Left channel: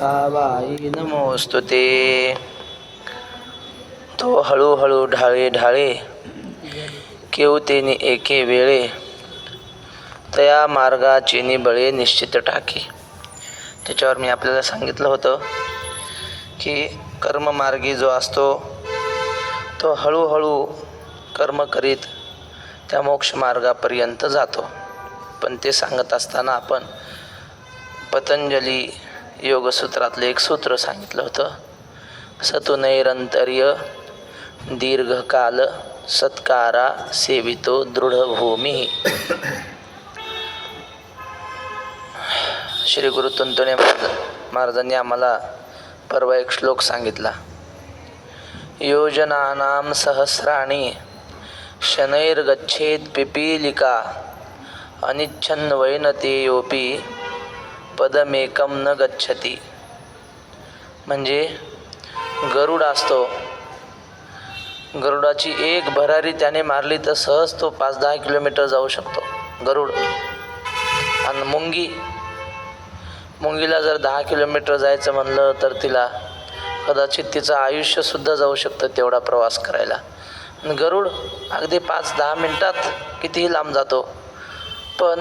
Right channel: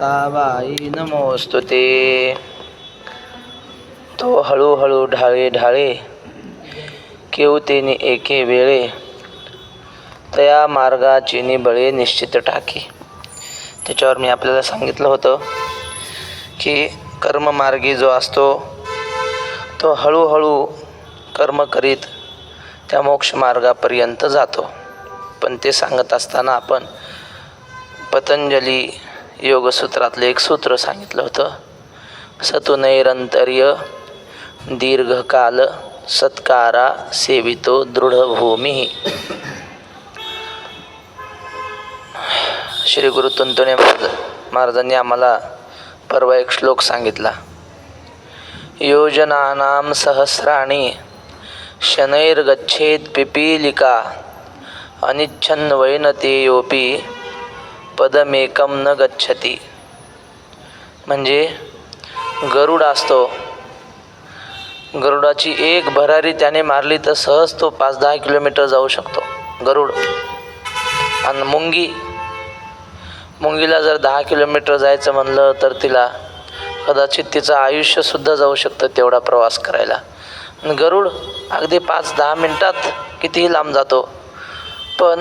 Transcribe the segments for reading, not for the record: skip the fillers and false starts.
Tabei नमोस्तुते. तो हळूहळू ढाळे ढाळे केवतेनी एके वेळे तया मार्गाची बळे निश्चित टाकी. त्याच्यावर मी आपल्याला सांगितलं होतं की कर्ममार्गी जो असतो तो हळूहळू कर्म करीत त्या मोक्ष मार्गापर्यंत जातो. पण ते सांगत असताना आपण पतंजली योगसूत्रातलं एक सूत्र सांगितलं होतं, सतु नैरंतर्य दीर्घकाल सत्कारा सेवितो दृढभूमी. श्री गुरु तुंतुणे महाराजांनी आम्हाला परवा एक श्लोक सांगितला, योजनानां सहस्राणि शनैर्गच्छेत् पिपीलिका अनिच्छन् वैनतेयोपि पदमेकं न गच्छति. म्हणजे गरुड असतो, गरुडाची एक भरारी त्याने मारली तर सहज तो 5-10 किलोमीटर जाऊ शकतो गरुड. आणि मुंगीला जर 10 किलोमीटर जायचं म्हणलं तर तिला कदाचित तिचं आयुष्यसुद्धा जाऊ शकतं तेवढा प्रवास करायला. गरुड अगदी 5-10 मिनटात कितीही लांब जातो. पण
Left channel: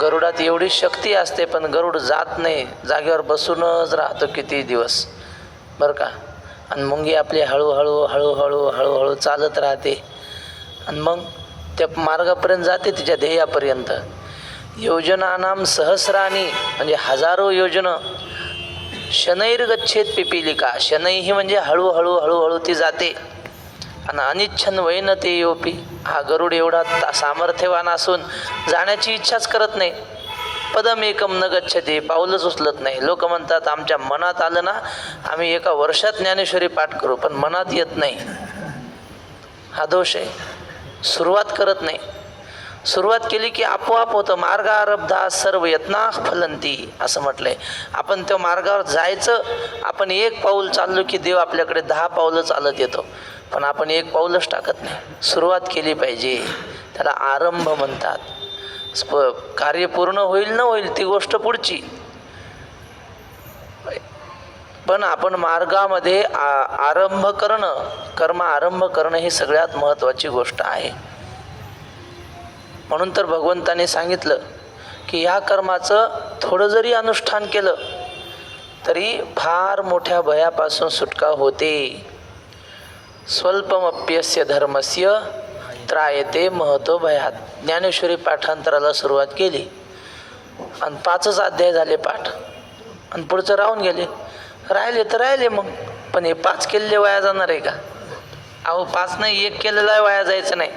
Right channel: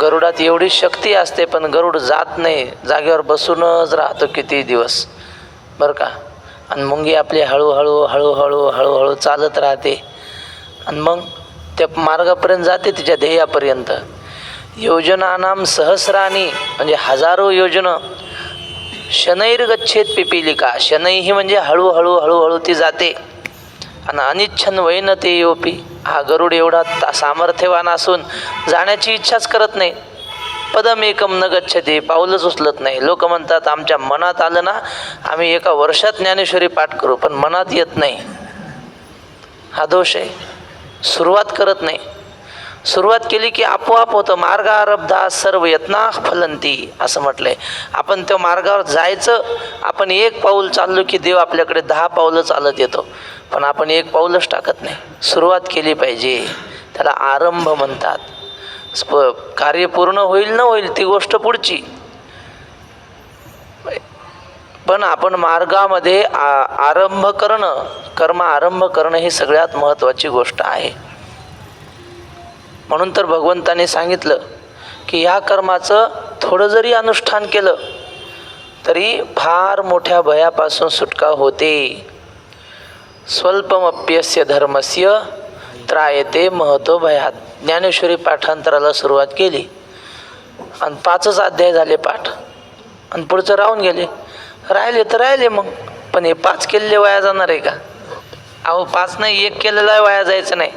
गरुडात एवढी शक्ती असते, पण गरुड जात नाही, जागेवर बसूनच राहतो किती दिवस, बरं का. आणि मुंगी आपली हळूहळू हळूहळू हळूहळू चालत राहते आणि मग त्या मार्गापर्यंत जाते, तिच्या ध्येयापर्यंत. योजनानां सहस्राणी म्हणजे हजारो योजना, शनैर्गच्छेत पिपीलिका, शनैही म्हणजे हळूहळू हळूहळू ती जाते. आणि अनिच्छन वैनतेयोपि, हा गरुड एवढा सामर्थ्यवान असून जाण्याची इच्छाच करत नाही. पदमेकम न गच्छते, पाऊलच उचलत नाही. लोक म्हणतात आमच्या मनात आलं ना आम्ही एका वर्षात ज्ञानेश्वरी पाठ करू, पण मनात येत नाही, हा दोष आहे. सुरुवात करत नाही. सुरुवात केली की आपोआप होतं. मार्गारब्धा सर्व यत्ना फलंती असं म्हटलंय. आपण त्या मार्गावर जायचं, आपण एक पाऊल चाललो की देव आपल्याकडे 10 पावलं चालत येतो. पण आपण एक पाऊलच टाकत नाही. सुरुवात केली पाहिजे, त्याला आरंभ म्हणतात. कार्य पूर्ण होईल न होईल ती गोष्ट पुढची, पण आपण मार्गामध्ये आरंभ करणं, कर्म आरंभ करणं ही सगळ्यात महत्त्वाची गोष्ट आहे. म्हणून तर भगवंताने सांगितलं की ह्या कर्माचं थोडं जरी अनुष्ठान केलं तरी फार मोठ्या भयापासून सुटका होते. स्वल्पमप्यस्य धर्मस्य त्रायते महतो भयात. ज्ञानेश्वरी पाठांतराला सुरुवात केली आणि 5च अध्याय झाले पाठ, आणि पुढचं राहून गेले. राहिले तर राहिले मग, पण हे 5 केलेले वाया जाणार आहे का? अहो 5 नाही, 1 केलेला वाया जायचं नाही.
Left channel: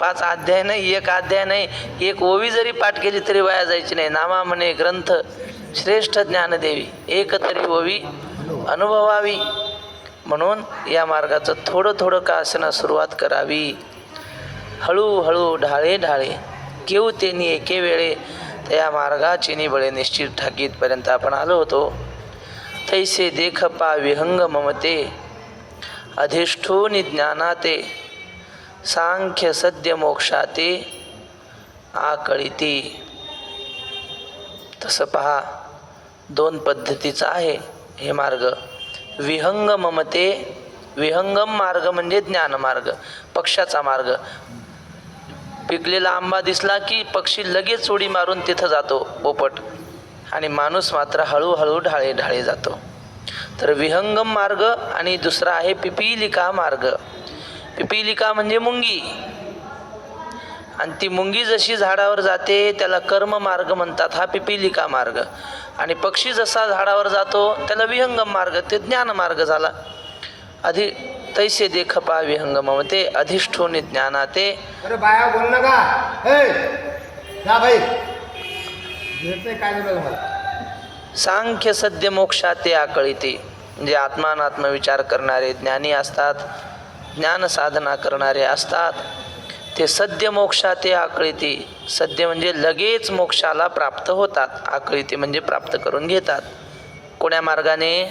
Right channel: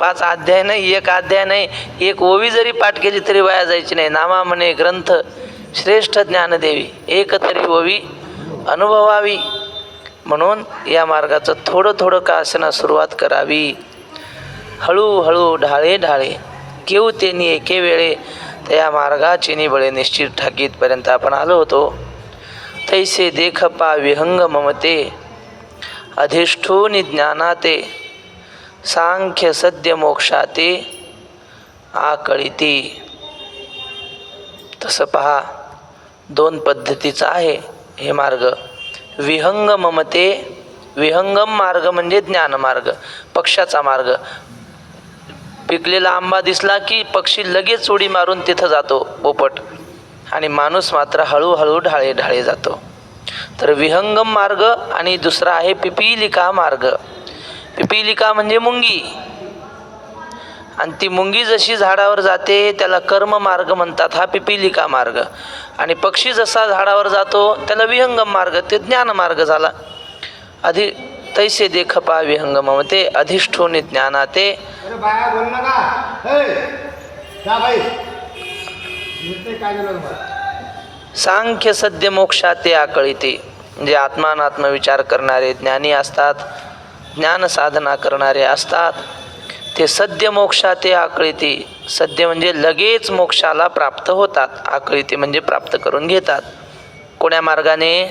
5 अध्याय नाही, 1 अध्याय नाही, 1 ओवी जरी पाठ केली तरी वाया जायची नाही. नामा म्हणे ग्रंथ श्रेष्ठ ज्ञानदेवी, एक तरी ओवी अनुभवावी. म्हणून या मार्गाचं थोडं थोडं का असेना सुरुवात करावी. हळूहळू ढाळे ढाळे केवतेनी एके वेळे त्या मार्गाची निबळे निश्चित ठाकीतपर्यंत आपण आलो होतो. तैसे देख पा विहंग ममते अधिष्ठूनि ज्ञानाते सांख्य सद्य मोक्षाते आकळिती. तसं पहा 2 पद्धतीचं आहे हे मार्ग. विहंग ममते, विहंगम मार्ग म्हणजे ज्ञान मार्ग, पक्षाचा मार्ग. पिकलेला आंबा दिसला की पक्षी लगेच उडी मारून तिथं जातो पोपट, आणि माणूस मात्र हळूहळू ढाळे ढाळे जातो. तर विहंगम मार्ग. आणि दुसरा आहे पिपीलिका मार्ग. पिपीलिका म्हणजे मुंगी, आणि ती मुंगी जशी झाडावर जाते त्याला कर्म मार्ग म्हणतात, हा पिपीलिका मार्ग. आणि पक्षी जसा झाडावर जातो त्याला विहंगम मार्ग, ते ज्ञान मार्ग झाला. तैसे देख पा विहंगम ते अधिष्ठोनी ज्ञानाते. सांख्य सद्य मोक्षाते आकळिते, म्हणजे आत्मानात्म विचार करणारे ज्ञानी असतात, ज्ञान साधना करणारे असतात, ते सद्य मोक्षाते आकळिते. सद्य म्हणजे लगेच मोक्षाला प्राप्त होतात, आकळिते म्हणजे प्राप्त करून घेतात. कोण्या मार्गाने?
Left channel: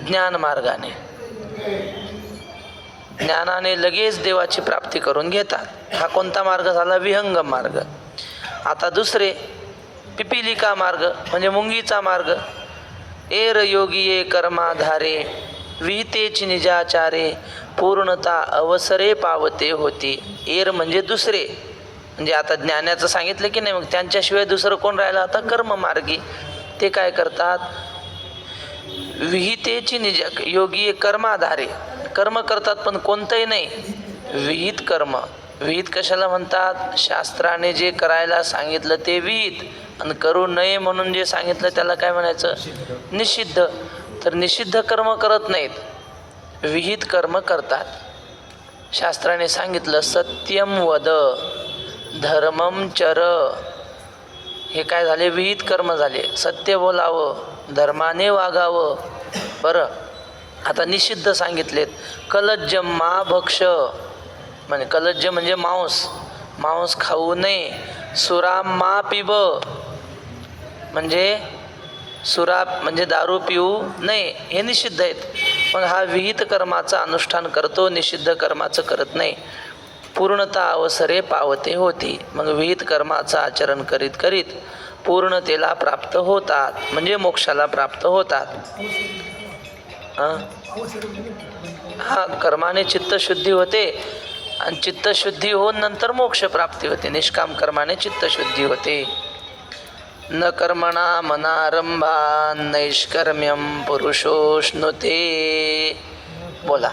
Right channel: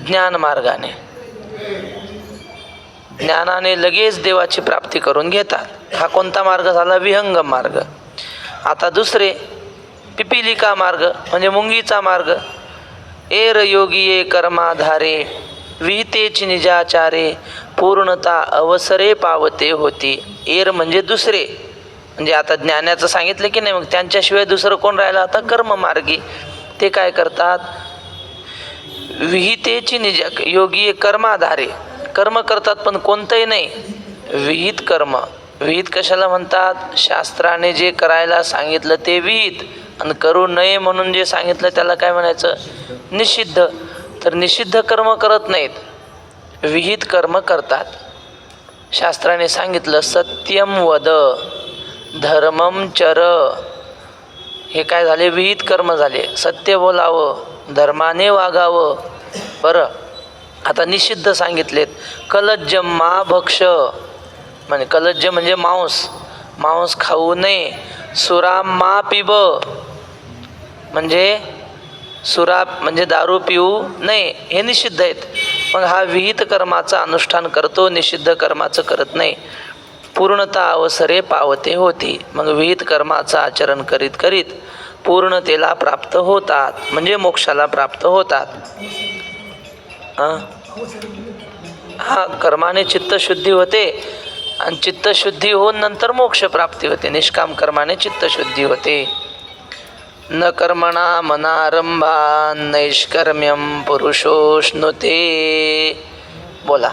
ज्ञान मार्गाने. ज्ञानाने लगेच देवाची प्राप्ती करून घेतात. हा कोणता मार्ग झाला? विहंगम मार्ग. आता दुसरे पिपीलिका मार्ग म्हणजे मुंगीचा मार्ग. एर योगिये कर्माधारे विहितेची निजाचारे पूर्णता अवसरे पावते होती. एर म्हणजे दुसरे, म्हणजे आता ज्ञानाचं सांगितलं की नाही, मग त्यांच्याशिवाय दुसरं कोण राहिलं आता? कर्ममार्गी. ते काय करतात? विहितेची निजा योगी कर्माधारे कर्म करतात, पण कोणतंही नाही, विहित कर्म. विहित कशाला म्हणतात? शास्त्राने जे करायला सांगितलं ते विहित, आणि करू नये म्हणून जे सांगितलं त्याला काय म्हणायचं? निषिद्ध. तर निषिद्ध कर्म करत नाहीत, विहित कर्म करतात. शास्त्राने सांगितलं सत्यम वद धर्मम चर, हे काय झाले? विहित कर्म झाले. सत्य बोलावं, धर्माने वागावं. बरं, आता निषिद्ध सांगितलेत. कलज्जम मा भक्ष, म्हणजे कलज्ज म्हणजे मांस, मांस खाऊ नये. सुराम मा पिब, म्हणजे सुरा म्हणजे दारू पिऊ नये, हे निषिद्ध आहेत. मग हा विहित कर्माचा अनुष्ठान करतो, निषिद्ध कर्माचं करत नाही. पूर्णता अवसरे पावते होती. मग विहित कर्माचं आचरण करीत करीत पूर्णतेला प्राप्त होतात, म्हणजे मोक्षाला प्राप्त होतात. हा, कर्माने चित्तशुद्धी होते, आणि चित्तशुद्धी होऊन नंतर मोक्ष प्राप्ती होते. निष्काम कर्माने चित्तशुद्धी होते. न कर्मणा मनारंभा नैष्कर्म्यम पुरुषोष्णुते. बोला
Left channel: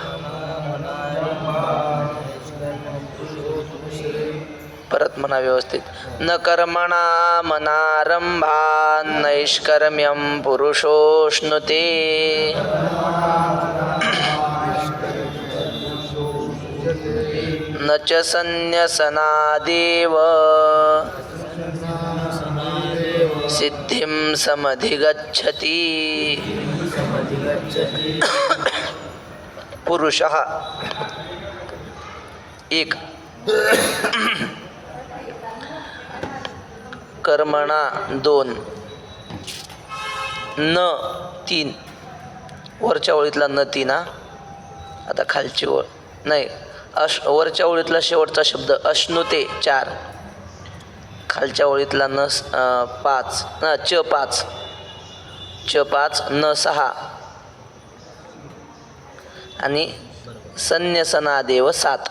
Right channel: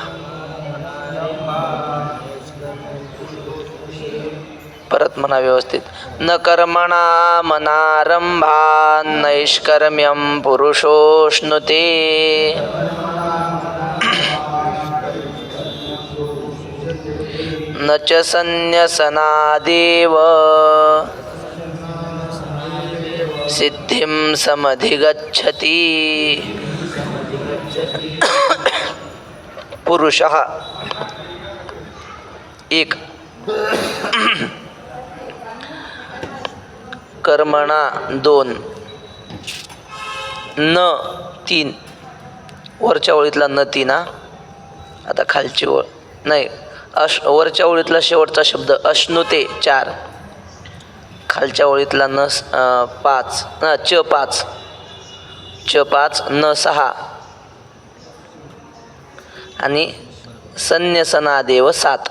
परत म्हणा व्यवस्थित. न कर्मणा मनारंभा नैष्कर्म्यम पुरुषोष्णुते. न च संन्यसनादेव सिद्धिं समधिगच्छति. पुरुषः एक, कर्मणा दोन, न तीन. वरच्या ओळीतला न तीन हा. आता खालची ओळ नाही, वरच्या ओळीतला शेवटचा शब्द अश्नुते चार, खालच्या ओळीतला न पाच, च पाच, च पाच, न सहा, आणि संन्यसनादेव सात.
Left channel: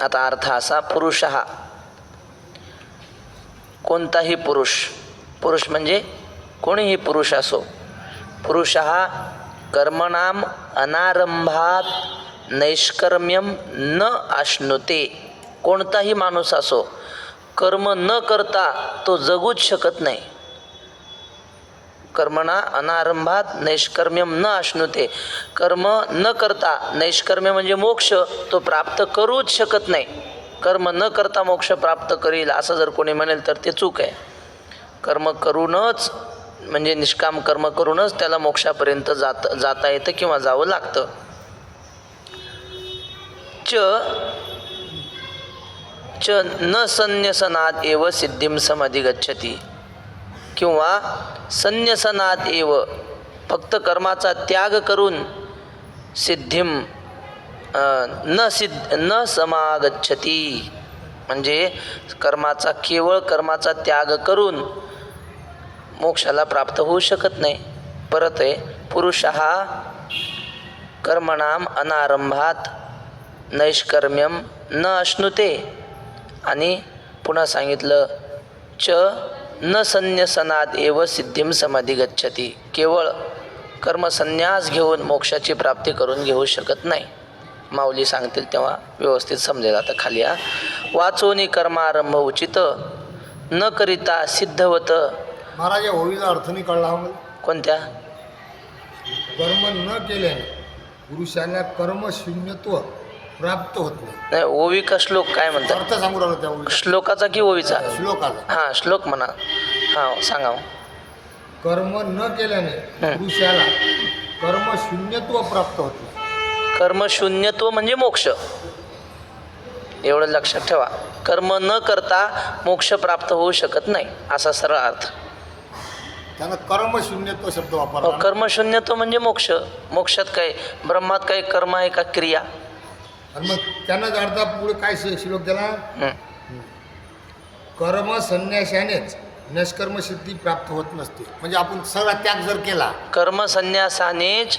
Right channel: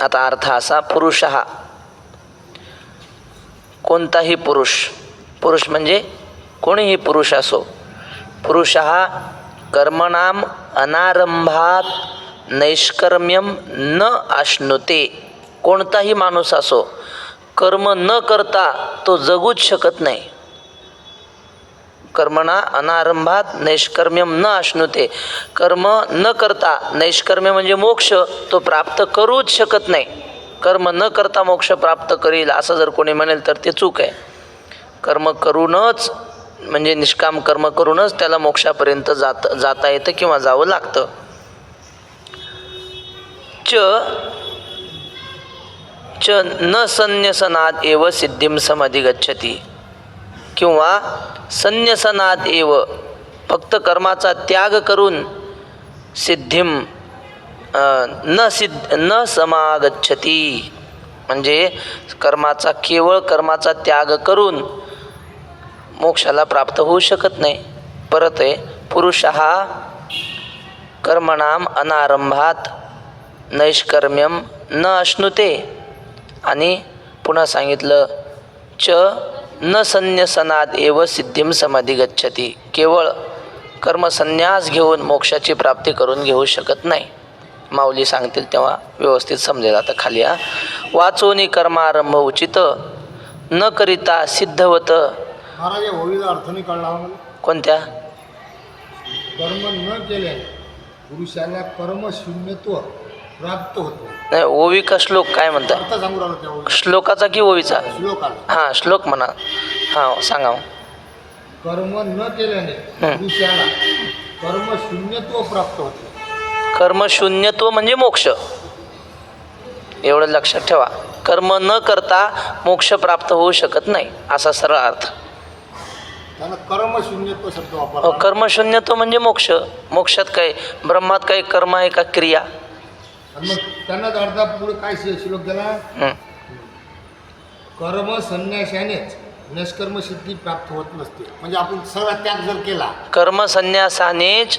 आता अर्थ असा, पुरुष हा कोणताही पुरुष, पुरुष म्हणजे कोणीही पुरुष असो. पुरुष हा कर्मणाम अनारंभात नैष्कर्म्यम न आश्नुते. कोणताही माणूस असो, कर्म न करता तो जगूच शकत नाही. कर्मणा अनारंभात नैष्कर्म्यम न आश्नुते. कर्म न करता, नैष्कर्म्य म्हणजे मोक्ष, तो प्राप्त करूच शकत नाही. कर्म न करता मोक्ष प्राप्त करील असं जर कोणी म्हणेल तर ते चूक आहे. कर्म करूनच, म्हणजे निष्काम कर्म करूनच त्याला मोक्षापर्यंत जाता येतं किंवा जावं लागतं. च न संन्यसनाद एव सिद्धिं समधिगच्छति, किंवा संन्यसनाद एव फक्त कर्माचा त्याग करून सिद्धिं न समागच्छति, म्हणजे कर्माचा केवळ कर्माचा त्याग करून मोक्षाला प्राप्त होऊ शकत नाही. परत आहे, पुरुष हा कर्मणाम अनारंभात नैष्कर्म्यम न अश्नुते, आणि पुन्हा सांगितलं च न संन्यसनाद एव सिद्धिं समधिगच्छति, केवळ कर्मसन्यास घेऊन मोक्षाची प्राप्ती करून घेऊ शकत नाही. माऊली सांगतील तेव्हा व्यवस्थित समजेल. आता खाली हा, वाचोनी कर्मारंभ उचित न करिता सिद्धवत. महाराज या ओळीचा अर्थ नाही कळला आम्हाला. कोणत्या? कर्म न केल्याने पुरुषाला कर्मशून्यत्व प्राप्त होत नाही. ओवी का श्लोक काय म्हणतात? अर्थ सांगू राहिलो त्या श्लोकाचा की ओवीचा? श्लोकाला. हां, श्लोक म्हणा. हां, सांगा. कर्म न केल्याने पुरुषाला कर्मशून्यत्व प्राप्त होते. कर्मशून्यत्व म्हणजे मोक्ष, एवढं लक्षात ठेवा. कर्म न करता मोक्ष प्राप्त होऊ शकत नाही, असा सरळ अर्थ. त्यानं कर्मशून्यत्व शब्द वापरला. कर्मशून्यत्व म्हणजे मोक्ष. मोक्षात काय, ब्रह्मात काही कर्म आहे का क्रिया? आणि मग त्यांनाच अर्धा पुढे काय श्लोक दिला? कर्म संन्याशानेच निष्कर्म सिद्धी प्राप्त होत नसते. म्हणजे आपण सगळा त्याग जर केला कर्मसन्यासानेच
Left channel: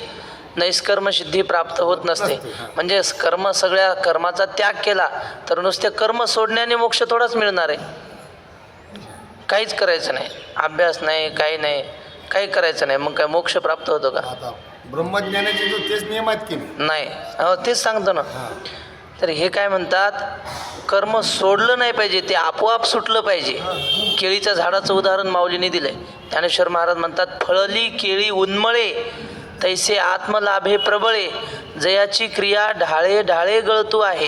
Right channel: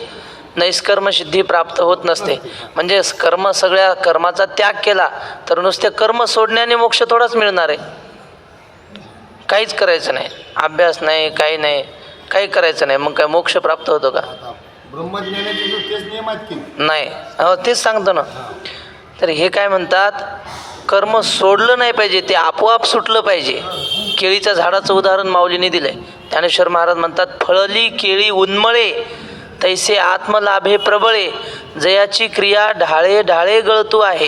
नैष्कर्म सिद्धी प्राप्त होत नसते. म्हणजे सगळ्या कर्माचा त्याग केला तर नुसते कर्म सोडण्याने मोक्ष थोडाच मिळणार आहे. काहीच करायचं नाही, अभ्यास नाही, काही नाही, काही करायचं नाही, मग काय मोक्ष प्राप्त होतो का? आता ब्रह्मज्ञानाचे जो तेच नियम आहेत की नाही? नाही. हो, तेच सांगतो ना. तर हे काय म्हणतात, कर्म सोडलं नाही पाहिजे, ते आपोआप सुटलं पाहिजे. केळीच्या झाडाचं उदाहरण माऊलीने दिलंय. ज्ञानेश्वर महाराज म्हणतात, फळली केळी उन्मळे तैसे आत्मलाभे प्रबळे, जयाची क्रिया ढाळे ढाळे गळतू आहे.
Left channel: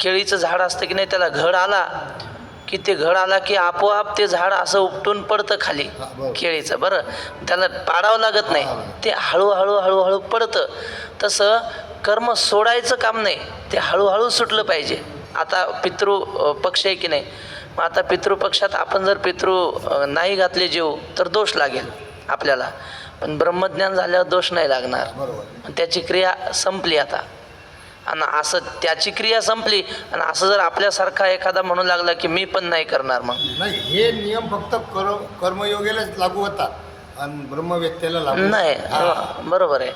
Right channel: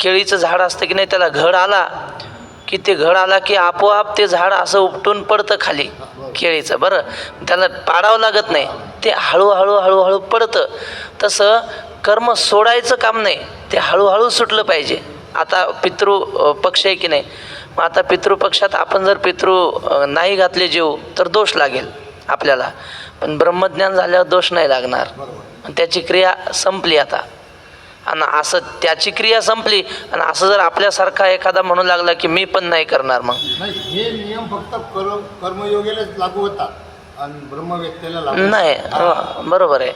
केळीचं झाड असतं की नाही, त्याला घड आला की आपोआप ते झाड असं उपटून पडतं खाली केळीचं. बरं, त्याला पाडावं लागत नाही, ते हळूहळू हळूहळू पडतं. तसं कर्म सोडायचं काम नाही, ते हळूहळू सुटलं पाहिजे. आता पितृपक्ष आहे की नाही, मग आता पितृपक्षात आपण जर नाही घातले जीव तर दोष लागेल आपल्याला. पण ब्रह्मज्ञान झाल्यावर दोष नाही लागणार. आणि त्याची क्रिया संपली आता. आणि असं त्याची क्रिया संपली आणि असं जर आपल्यासारखा एखादा म्हणू लागला की मी पण नाही करणार, मग नाही. हे नियम फक्त कर्मयोगेलाच लागू होतात आणि ब्रह्मव्यक्तीला लागू नाही. बरोबर आहे.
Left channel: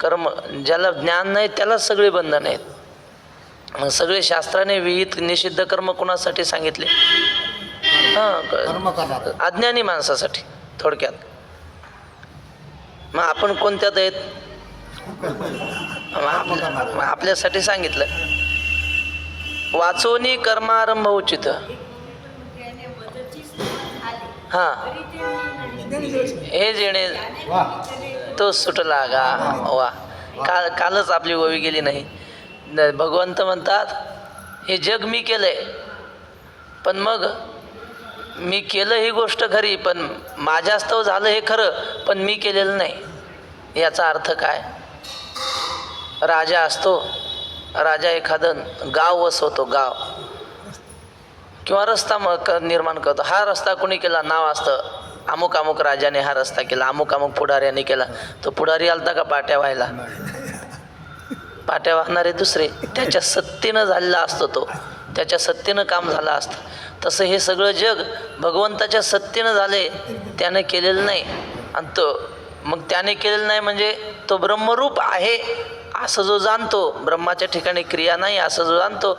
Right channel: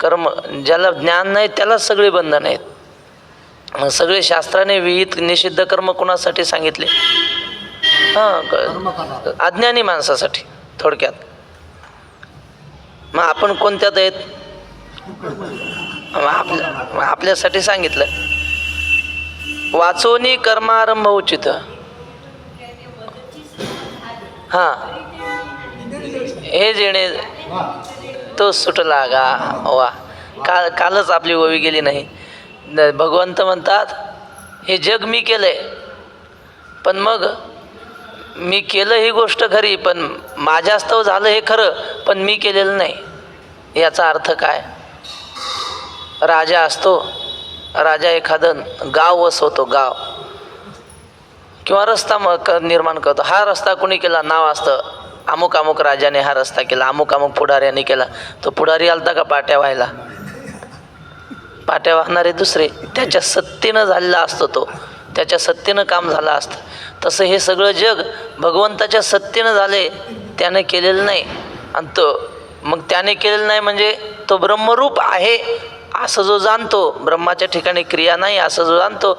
कर्म ज्याला ज्ञान नाही त्यालाच सगळी बंधन आहेत. मग सगळे शास्त्राने विहित निषिद्ध कर्म कोणासाठी सांगितले? कर्म करणार. अज्ञानी माणसासाठी थोडक्यात. मग आपण कोणत्यात आहेत? आपल्यासाठी सांगितलं. वाचोनी कर्मारंभ उचित. हां, हे जेणे तो सुटला गा. वा, कालच आपली ओवी गेली नाही. भगवंत म्हणतात, हे जग मी केलंय, पण मग मी केलं ही गोष्ट खरी, पण माझ्यास्तव झालं हे खरं, पण मी केलेलं नाही. याचा अर्थ काय? राजा असतो, राजा एखादं गाव वसवतो, गाव किंवा रस्ता निर्माण करतो. हा रस्ता कोणी केला? नाव असतं, अमुक अमुक राजाने हा रस्ता केला, अमुक अमुक पुढाऱ्याने केला. तो पुढारी आलता का पाट्या व्हायला? पाट्या वाहणारे दुसरे. त्याच्या सत्तेनं झालेला असतो तो, त्याच्या सत्तेनं काम झालं असतं. तसं हे सगळं जग भगवंताच्या सत्तेनं झाले, त्याने केलेलं नाही. आणि मग त्याने केलेलं नाही म्हणजे तो ब्रह्मरूप आहे असं जो जाणतो, ब्रह्माच्या ठिकाणी क्रिया नाही असं जो जाणतो,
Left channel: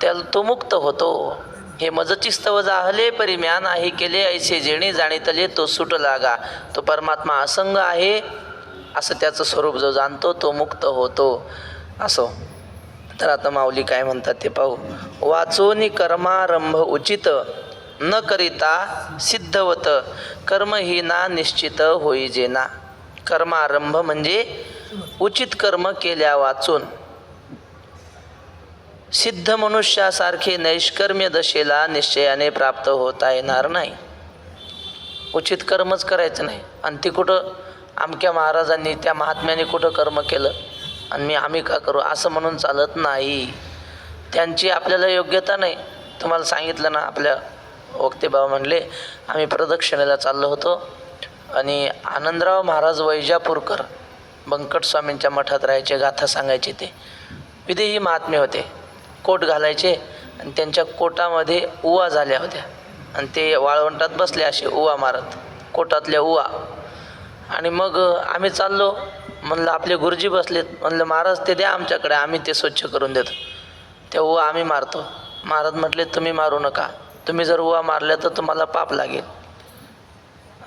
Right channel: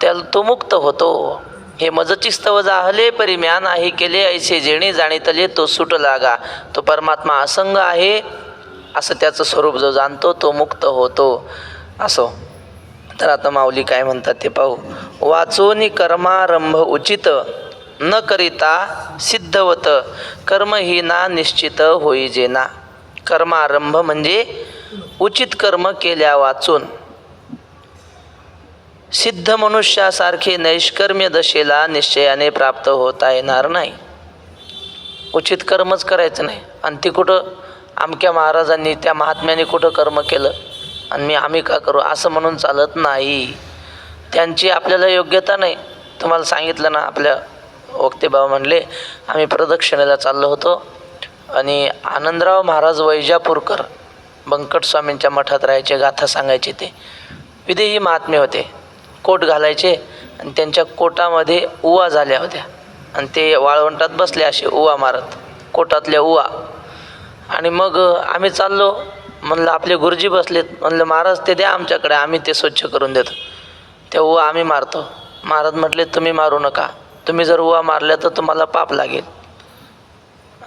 त्याला तो मुक्त होतो. हे मजची स्तव जाहले परिम्या नाही केले, ऐसे जेणे जाणीतले तो सुट लागा. तो परमात्मा असंग आहे असं त्याचं स्वरूप जो जाणतो तो मुक्त होतो. असो. तर आता माऊली काय म्हणतात ते पाहू. वाचोनी कर्मारंभ उचित न करिता सिद्धवत, कर्महीना निश्चित होई जेना. कर्मारंभ म्हणजे उचित कर्म केल्या वाचून. सिद्ध मनुष्यासारखे नैष्कर्म्य दशेला निश्चयाने प्राप्त होता येणार नाही. उचित कर्मच करायचं नाही. आणि ती कुठं अमक्या महाराजांनी त्या महात्म्याने कुठं कर्म केलं आणि आम्ही का करू असं म्हणून चालत नाही. त्यांची आपल्याला योग्यता नाही. तुम्हाला सांगितलं ना, आपल्या वक्तेबाबा म्हणले, आम्ही प्रदक्षिणेला चाललो होतो आणि आनंदराव महाराज वैजापूरकर बंकट स्वामींच्या मठात राहायचे, गाथा सांगायचे. ते विदेही महात्मे होते. कोट घालायचे आणि त्यांच्या कोटामध्ये उवा झाल्या होत्या आणि ते वाळवंटात बसले असे उवा मारत, कोटातल्या उवा. आणि मग आम्ही चाललो. म्हणलं आपले गुरुजी बसलेत. म्हणलं महाराज ते द्या आमच्याकडे, आम्ही ते स्वच्छ करून देतो. ते उवा आम्ही मारतो. महाराज म्हटले तुम्ही मारू नका, तुम्ही जर उवा मारल्या तर तुम्हाला पाप लागेल.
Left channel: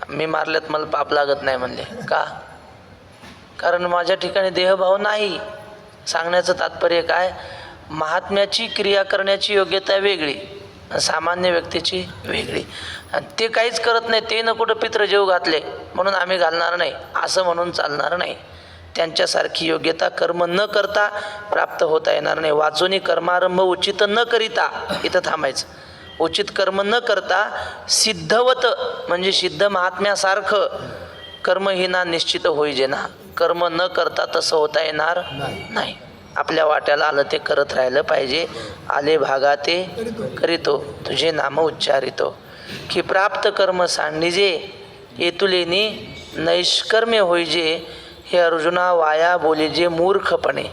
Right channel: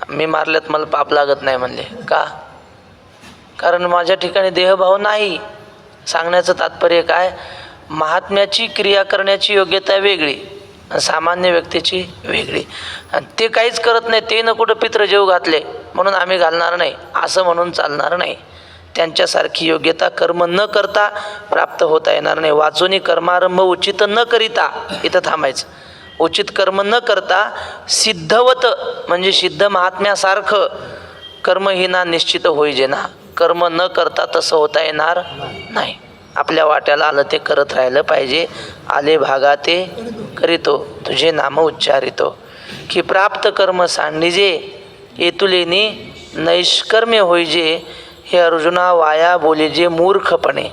मी मारल्यात मला पाप लागत नाही म्हणले. का? कारण माझ्या ठिकाणी देहभाव नाही. सांगण्याचं तात्पर्य काय? महात्म्याची क्रिया करण्याची योग्यता वेगळी, सामान्य व्यक्तीची वेगळी. आणि ते काहीच करत नाही, ते न कुठं पित्र जेव घातले म्हणून आम्ही घालणार नाही असं म्हणून चालणार नाही. त्यांच्यासारखी योग्यता कर्म न करता प्राप्त होता येणार नाही. वाचूनी कर्मारंभ उचित न करिता, इथं थांबायचं. उचित कर्म न करता सिद्धवत म्हणजे सिद्ध महात्म्यासारखं कर्महीना निश्चित होई जेना. कर्म न करता तसं होता येणार नाही. आपल्या वाट्याला आलं ते करत राहिलं पाहिजे. आले भागा ते करीतो, तुझे नाम उच्चारितो. की प्राप्त कर्म सांडिजे, येतुलेनी नैष्कर्म्य होईजे. हे अर्जुना वाया बोलीजे मूर्खपणे.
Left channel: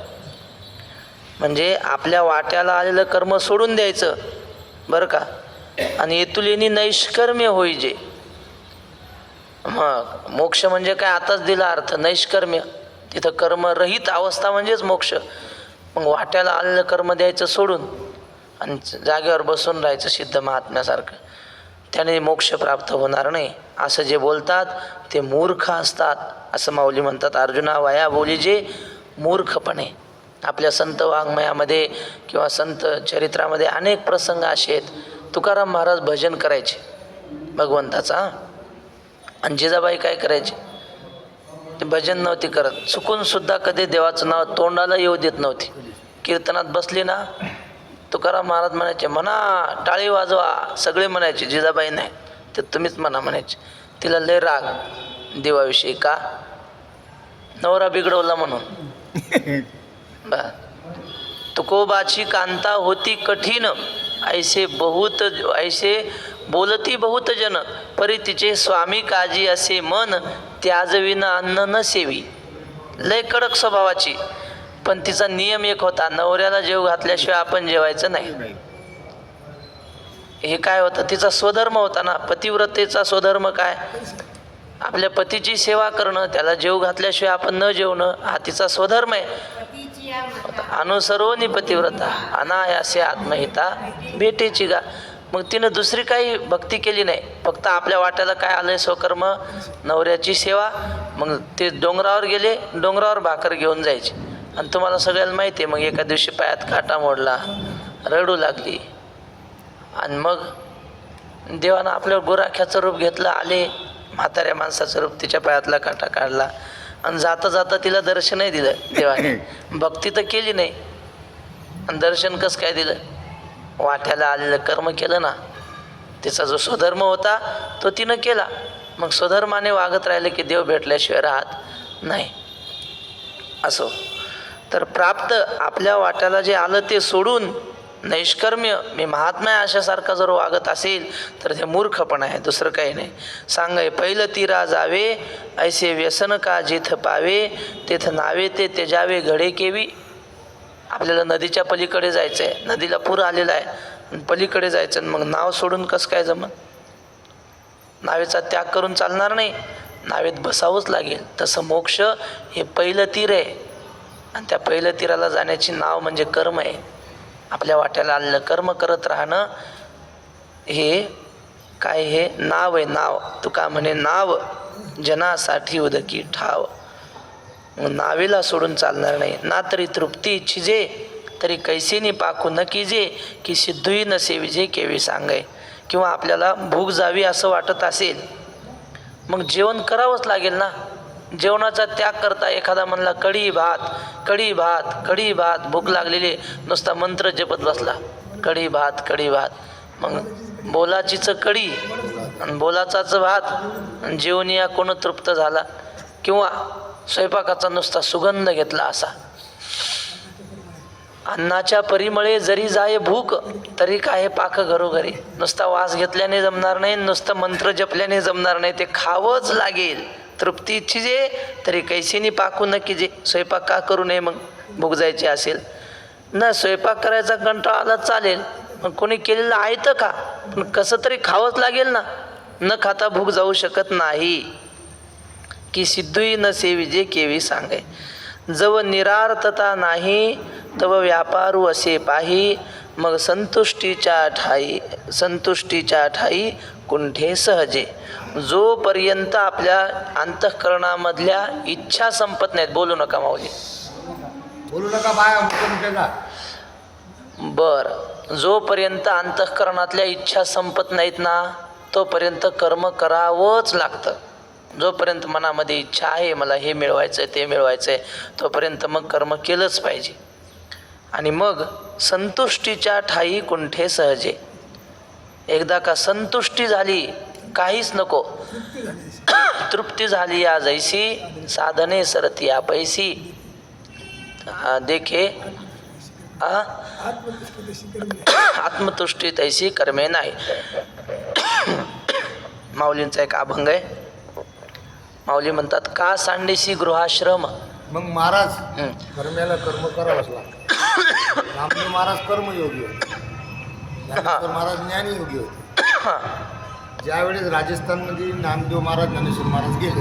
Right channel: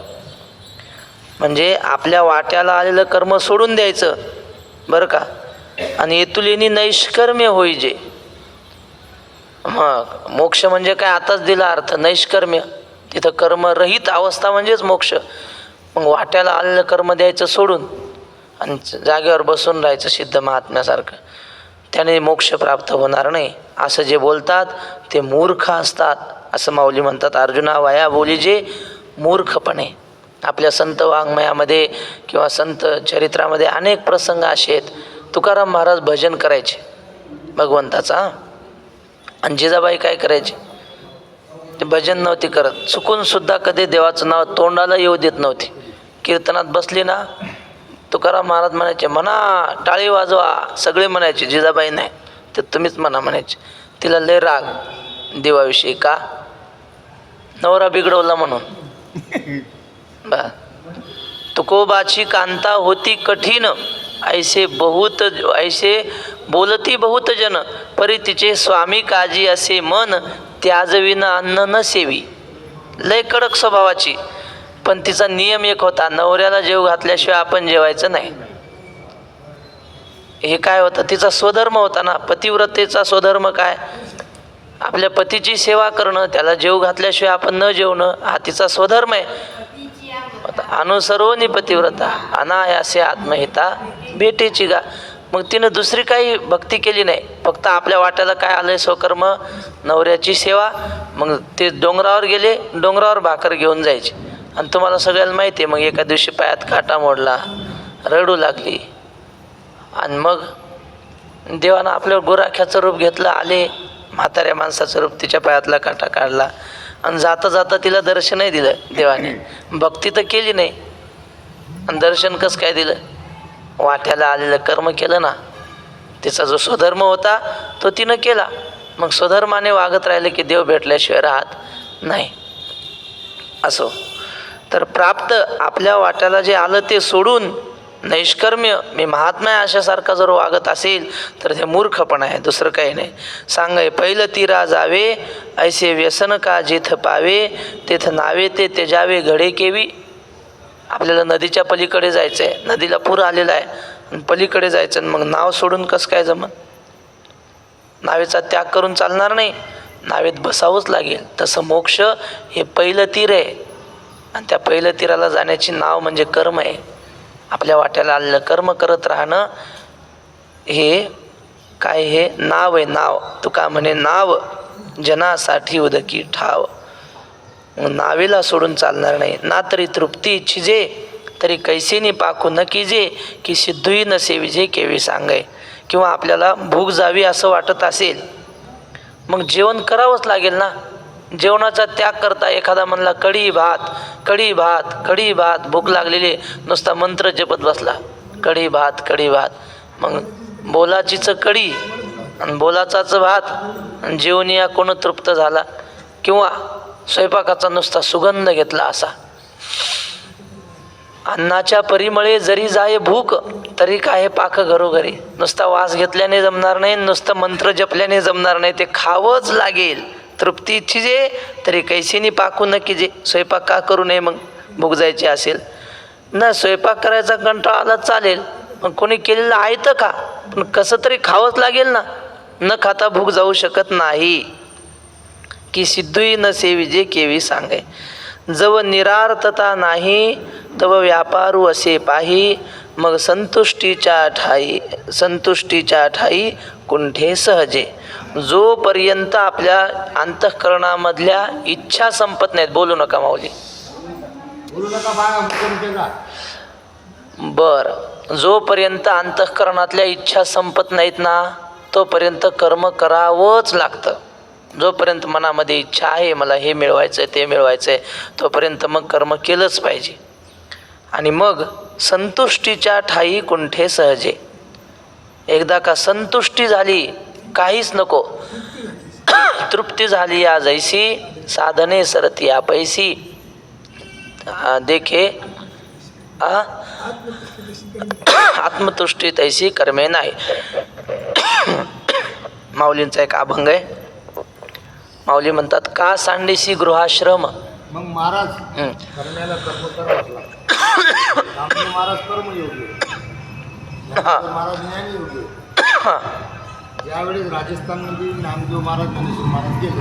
म्हणजे आपल्या वाट्याला आलेलं कर्म सोडून द्यायचं बरं का. आणि येतुलेनी नैष्कर्म्य होईजे. मग मोक्ष म्हणजे काय आताच दिला अर्थ, नैष्कर्म्य. तिथं कर्मरहित अवस्था म्हणजेच मोक्ष. मग वाट्याला आलेलं कर्म द्यायचं सोडून आणि जागेवर बसून राहायचं सिद्ध महात्म्यासारखं, त्याने मोक्ष प्राप्त होणार नाही असं जे बोलतात ते मूर्ख असतात असं माऊली म्हणतात. अर्जुना वाया बोली जे मूर्खपणे. आपल्या संत वाङ्मयामध्ये किंवा संत चरित्रामध्ये अनेक प्रसंग असे आहेत. तुकाराम महाराज भजन करायचे भगवंताचा, आणि जिजाबाई काय करायचे, ते भजन नव्हती करत. चुकून सुद्धा कधी देवाचं नाव तोंडाला येऊ देत नव्हती. कीर्तनात बसली ना, तुकाराम महाराज म्हणायचे म्हणा टाळी वाजवा, सगळे म्हणायचे, जिजाबाई नाही तर तुम्हीच म्हणा म्हणायचे. तिला लय राग देवाविषयी, का नवरा बिघडवला म्हणून. बा तुकोबाची कांता होती कठीण, ऐसे बोलती बहुत जन, परी तिचे स्वामी काजी असे मन, त्याजविन अन्न न सेवी. लय कडक स्वभावाची, पण तिचा नियम एक होता, नवऱ्याला जेव घातल्याशिवाय आपण जेवायचं नाही. हे काय होतं, तिचा स्वधर्म होता ना. पतिव्रतेचा स्वधर्म काय, आपल्या पतीची सेवा करणं, त्याला जेव घातल्याशिवाय आपण न जेवणं, हा तिचा स्वधर्म आहे. अनुसरोनी पतिव्रता अनायासे आत्महिता भेटेची गा. मग तिनं दुसरी काही भक्ती केली नाही, फक्त आपल्या वाट्याला काय आलंय स्वकर्म, नवऱ्याची सेवा. मग ते डोंगरावर गेले, डोंगरावर भाकर घेऊन जायचे. आणि तुम्हाला सगळ्याला माहिती आहे, मग एका दिवशी पायात काटा मोडला, रडू लागली. आणि मग देवानं आपल्यावर गुराख्याचं रूप घेतलं, आले म्हाताऱ्या माणसाचं रूप, तिच्या पायातला काटा काढला आणि जाता जाता तिला दर्शनही दिलं देवाने. भक्ती तर केली नाही आणि दर्शन कसं काय दिलं, वाट्याला आलेलं कर्म केलं ना. तिचा जो स्वधर्म होता तो तिनं केला. मग स्वधर्माने वागत राहिलं की देव भेटल्याशिवाय राहत नाही. असो तर प्राप्त आपल्या वाट्याला जे आलं ते सोडून नैष्कर्म्य, मी महात्मा आहे अशासारखा जर वागत असेल तर ते मूर्खपण आहे, दुसरं काही नाही. सांगाय पहिलं तीरा जावे, ऐसे व्यसन का जिथ पावे, तेथ नावे ते तेजावे घडे केवी. आपल्याला नदीच्या पलीकडे जायचं आहे, नदीला पूर आलेला आहे, पलीकडे जायचं, मग नाव सोडून कसं काय जमन. नावेचा त्याग करून चालणार नाही, नावेत बसावंच लागेल. तसं मोक्ष हे पहिलं तीर आहे, आणि त्या पहिलं तीराला जाण्याची नाव म्हणजे कर्म आहे. आपल्या वाट्याला आलेलं कर्म करत राहणं हे काय, हे नाव आहे. नाव तुका म्हणे नाव जनासाठी उदकी ठाव. नावेला सोडून चालणार नाही. ना तरी तृप्ती इच्छिजे, तरी कैसेनी पाखू न कीजे, की सिद्धूही न सेविजे केवी सांगाय. किंवा आपल्याला भूक जावी असं वाटत असेल, मग जेवण करावंच लागेल ना. जेवणाचा त्याग करता एखादा म्हणला कढी भात, कढी भात, कढी भात, भूक लागलेली, नुसता मंत्र जपत बसला, कढी भात, कढी भात. मग बोलाचीचं कढी आणि बोलाचाचं भात, आणि जेवण या कोण तृप्त झाला. किंवा स्वयंपाकाचा नुसता सुगंध घेतला असा. अन्नाच्या परिमळे जरी जाय भूक, तरी काय पाक घरोघरी. नुसता वास घेतल्याने जमणार नाही, नुसतं मंत्र जपल्याने जमणार नाही, ते खावंच लागेल. तृप्ती इच्छिजे तरी कैसेनी पाकू न कीजे. स्वयंपाक का करू नये मग, भूक जायची असेल ना. स्वयंपाक करायचा कंटाळा आला चालेल, मग कोणी केलेलं आहे तर का, पण कसं तरी खावंच लागेल ना. न खाता भूक जाऊ शकत नाही. की सिद्धूही न सेविजे केवी सांगे. जव निरार्थता नाही तव व्यापारू असे पाही, मग संतुष्टीच्या ठाई कुंठे सहजे. जोपर्यंत आपल्या अंतःकरणामधल्या इच्छा संपत नाहीत. बोलू नका माऊली, बोलू नका बाळा. बरं, जोपर्यंत अंतःकरणातल्या इच्छा संपत नाहीत ना, तोपर्यंत कर्म करावंच लागतं. जोपर्यंत मनामध्ये इच्छा आहे, मला हे मिळवायचं आहे ते मिळवायचं आहे, तोपर्यंत मग कर्म केलंच पाहिजे. आणि मग संतुष्टीच्या ठाई कुंठे सहजे. एकदा का संतुष्टी झाली, काहीच नको, तृप्ती झाली या जैसी, साधने सरती या पैसी. देखे आत्मतुष्टी तैसी कर्मे नाही. माऊलींचा एक अभंग आहे. माऊली म्हणतात, का सांडीसी गृहाश्रम. मग महाराज कर्म्याला कर्म करावंच लागतं. महाराज कर्मयोगी होते, महाराज ज्ञानयोगी होते. ज्यावेळेस राजस्थानमध्ये नामदेव महाराज ज्ञानेश्वर महाराज गेले,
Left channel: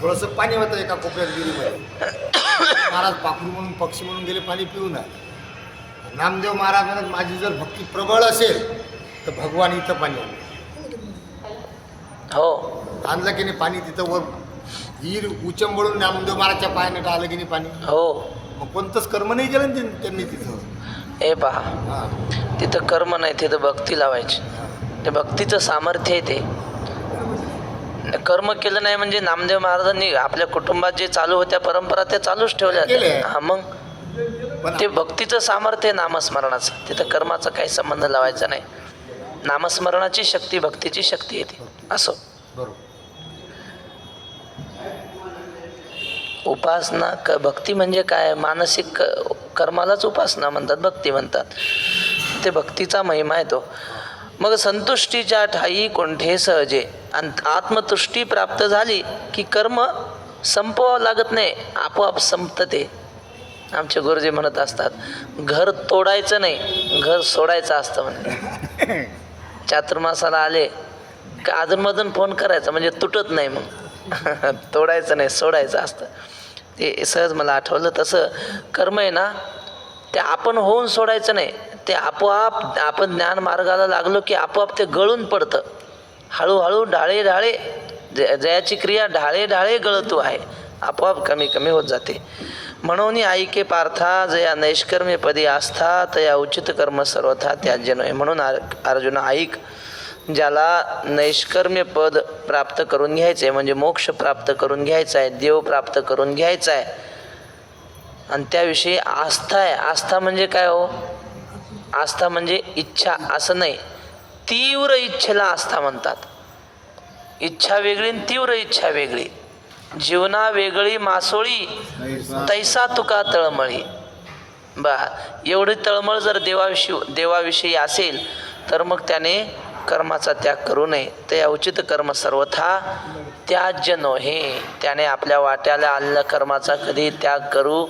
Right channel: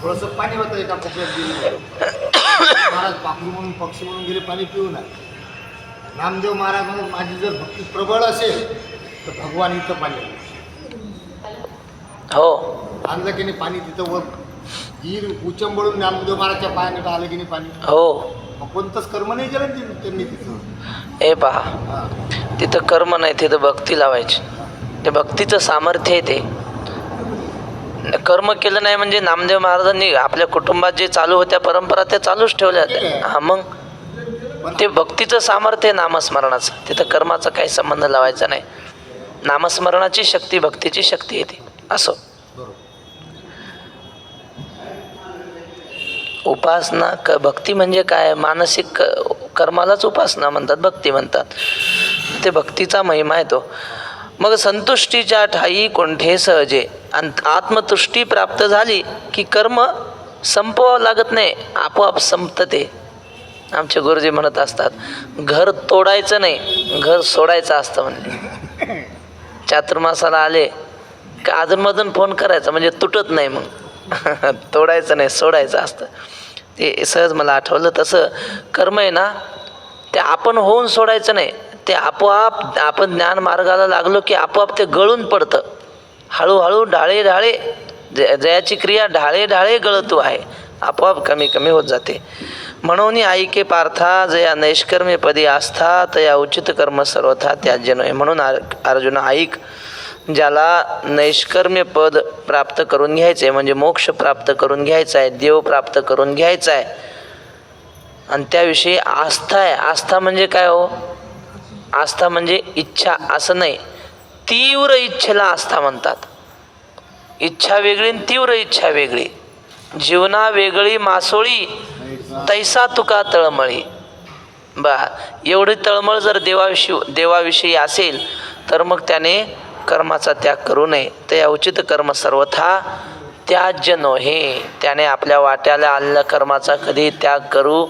थोडंसं पाणी होतं एका कोपऱ्यात गेले, महाराज पाखरू म्हणून पक्षी म्हणून गेले पाणी पिऊ नये. नामदेव महाराज म्हणत माझी जर भक्ती प्रबळ असेल तर भगवान इथं पाणी आणलं. हो, आणलं की नाही पाणी तिथं वर हीर उचंबळून नामदेव महाराजच्या पायानं आलं की नाही पाणी. हो. मग कोणतंच कर्म नाही केलं ना त्यांनी तिथं. हे पहा, हां तिथं कर्म नाही, तिथं भक्ती लावायची. ते भक्तीचं सामर्थ्य आहे. ते कर्म केलं नाही म्हणजे नामदेव महाराजांनी आपल्या कुटुंबात जे चालू होत्या परंपरा त्या चालूच ठेवल्या. हा, मग ते भक्तीचं सामर्थ्य आहे नामस्मरणाचं. तिथं कर्माचा काही संबंध लावायचा नाही. नामस्मरणाची शक्ती भक्तीची शक्ती येते. असं बरोबर. उपासना भक्ती म्हणजे काय? मानसिक कर्मालाच उपासना म्हणतात, भक्ती म्हणतात. ते भक्तीचा महिमा आहे तो. मग संतुष्टीच्या ठाई कोणठे सहजे, आणि आत्मतुष्टी प्राप्त झाली की कर्म संपवावं लागत नाही, आपोआप संपतं ते. आमचे गुरुजी म्हणत असतात, घर तोडायचं नाही, घर सोडायचं असतं म्हणजे. चातुर्मासाला आले का अधूनमधून फोन करायचा म्हणजे तुटत नाही. मग तोडायचं नाही, सोडायचं असतं. ते सहज मला आठवलं. तसं कर्म आहे ना, ते आपण होऊन सोडायचं नाही. ते आपोआप आपण ज्ञान मार्गाला लागलो की आपोआप ते गळून पडतं. हळूहळू ढाळे ढाळे जयाची क्रिया ढाळे ढाळे गळतू आहे, आपोआप कमी कमी होत जाते. म्हणून ऐके पार्था जया नैष्कर्म्य पदी आस्था तया उचित कर्म सर्वथा त्याज्य नये. म्हणून अर्जुन ऐक, ज्याला नैष्कर्म्य पद प्राप्त करून घ्यायचं आहे म्हणजे मोक्ष प्राप्त करून घ्यायचा आहे, देव प्राप्त करून घ्यायचा आहे, आणि त्याविषयी आस्था आहे. आस्था म्हणजे काय हो? आस्था म्हणजे इच्छा असं नाही, तीव्र इच्छेला आस्था म्हणतात. इच्छा वेगळी आणि तीव्र इच्छा वेगळी. जीवना वेगळी मासोळी तैसा तुका तळमळी. एवढी तळमळ जर देवाविषयी असेल तर मग त्याने कर्माचा त्याग करू नये. ते उचित कर्म सर्वथा त्याज्य नोहे. त्याने आपल्या वाट्याला आलेल्या कर्माचा कधी त्याग करू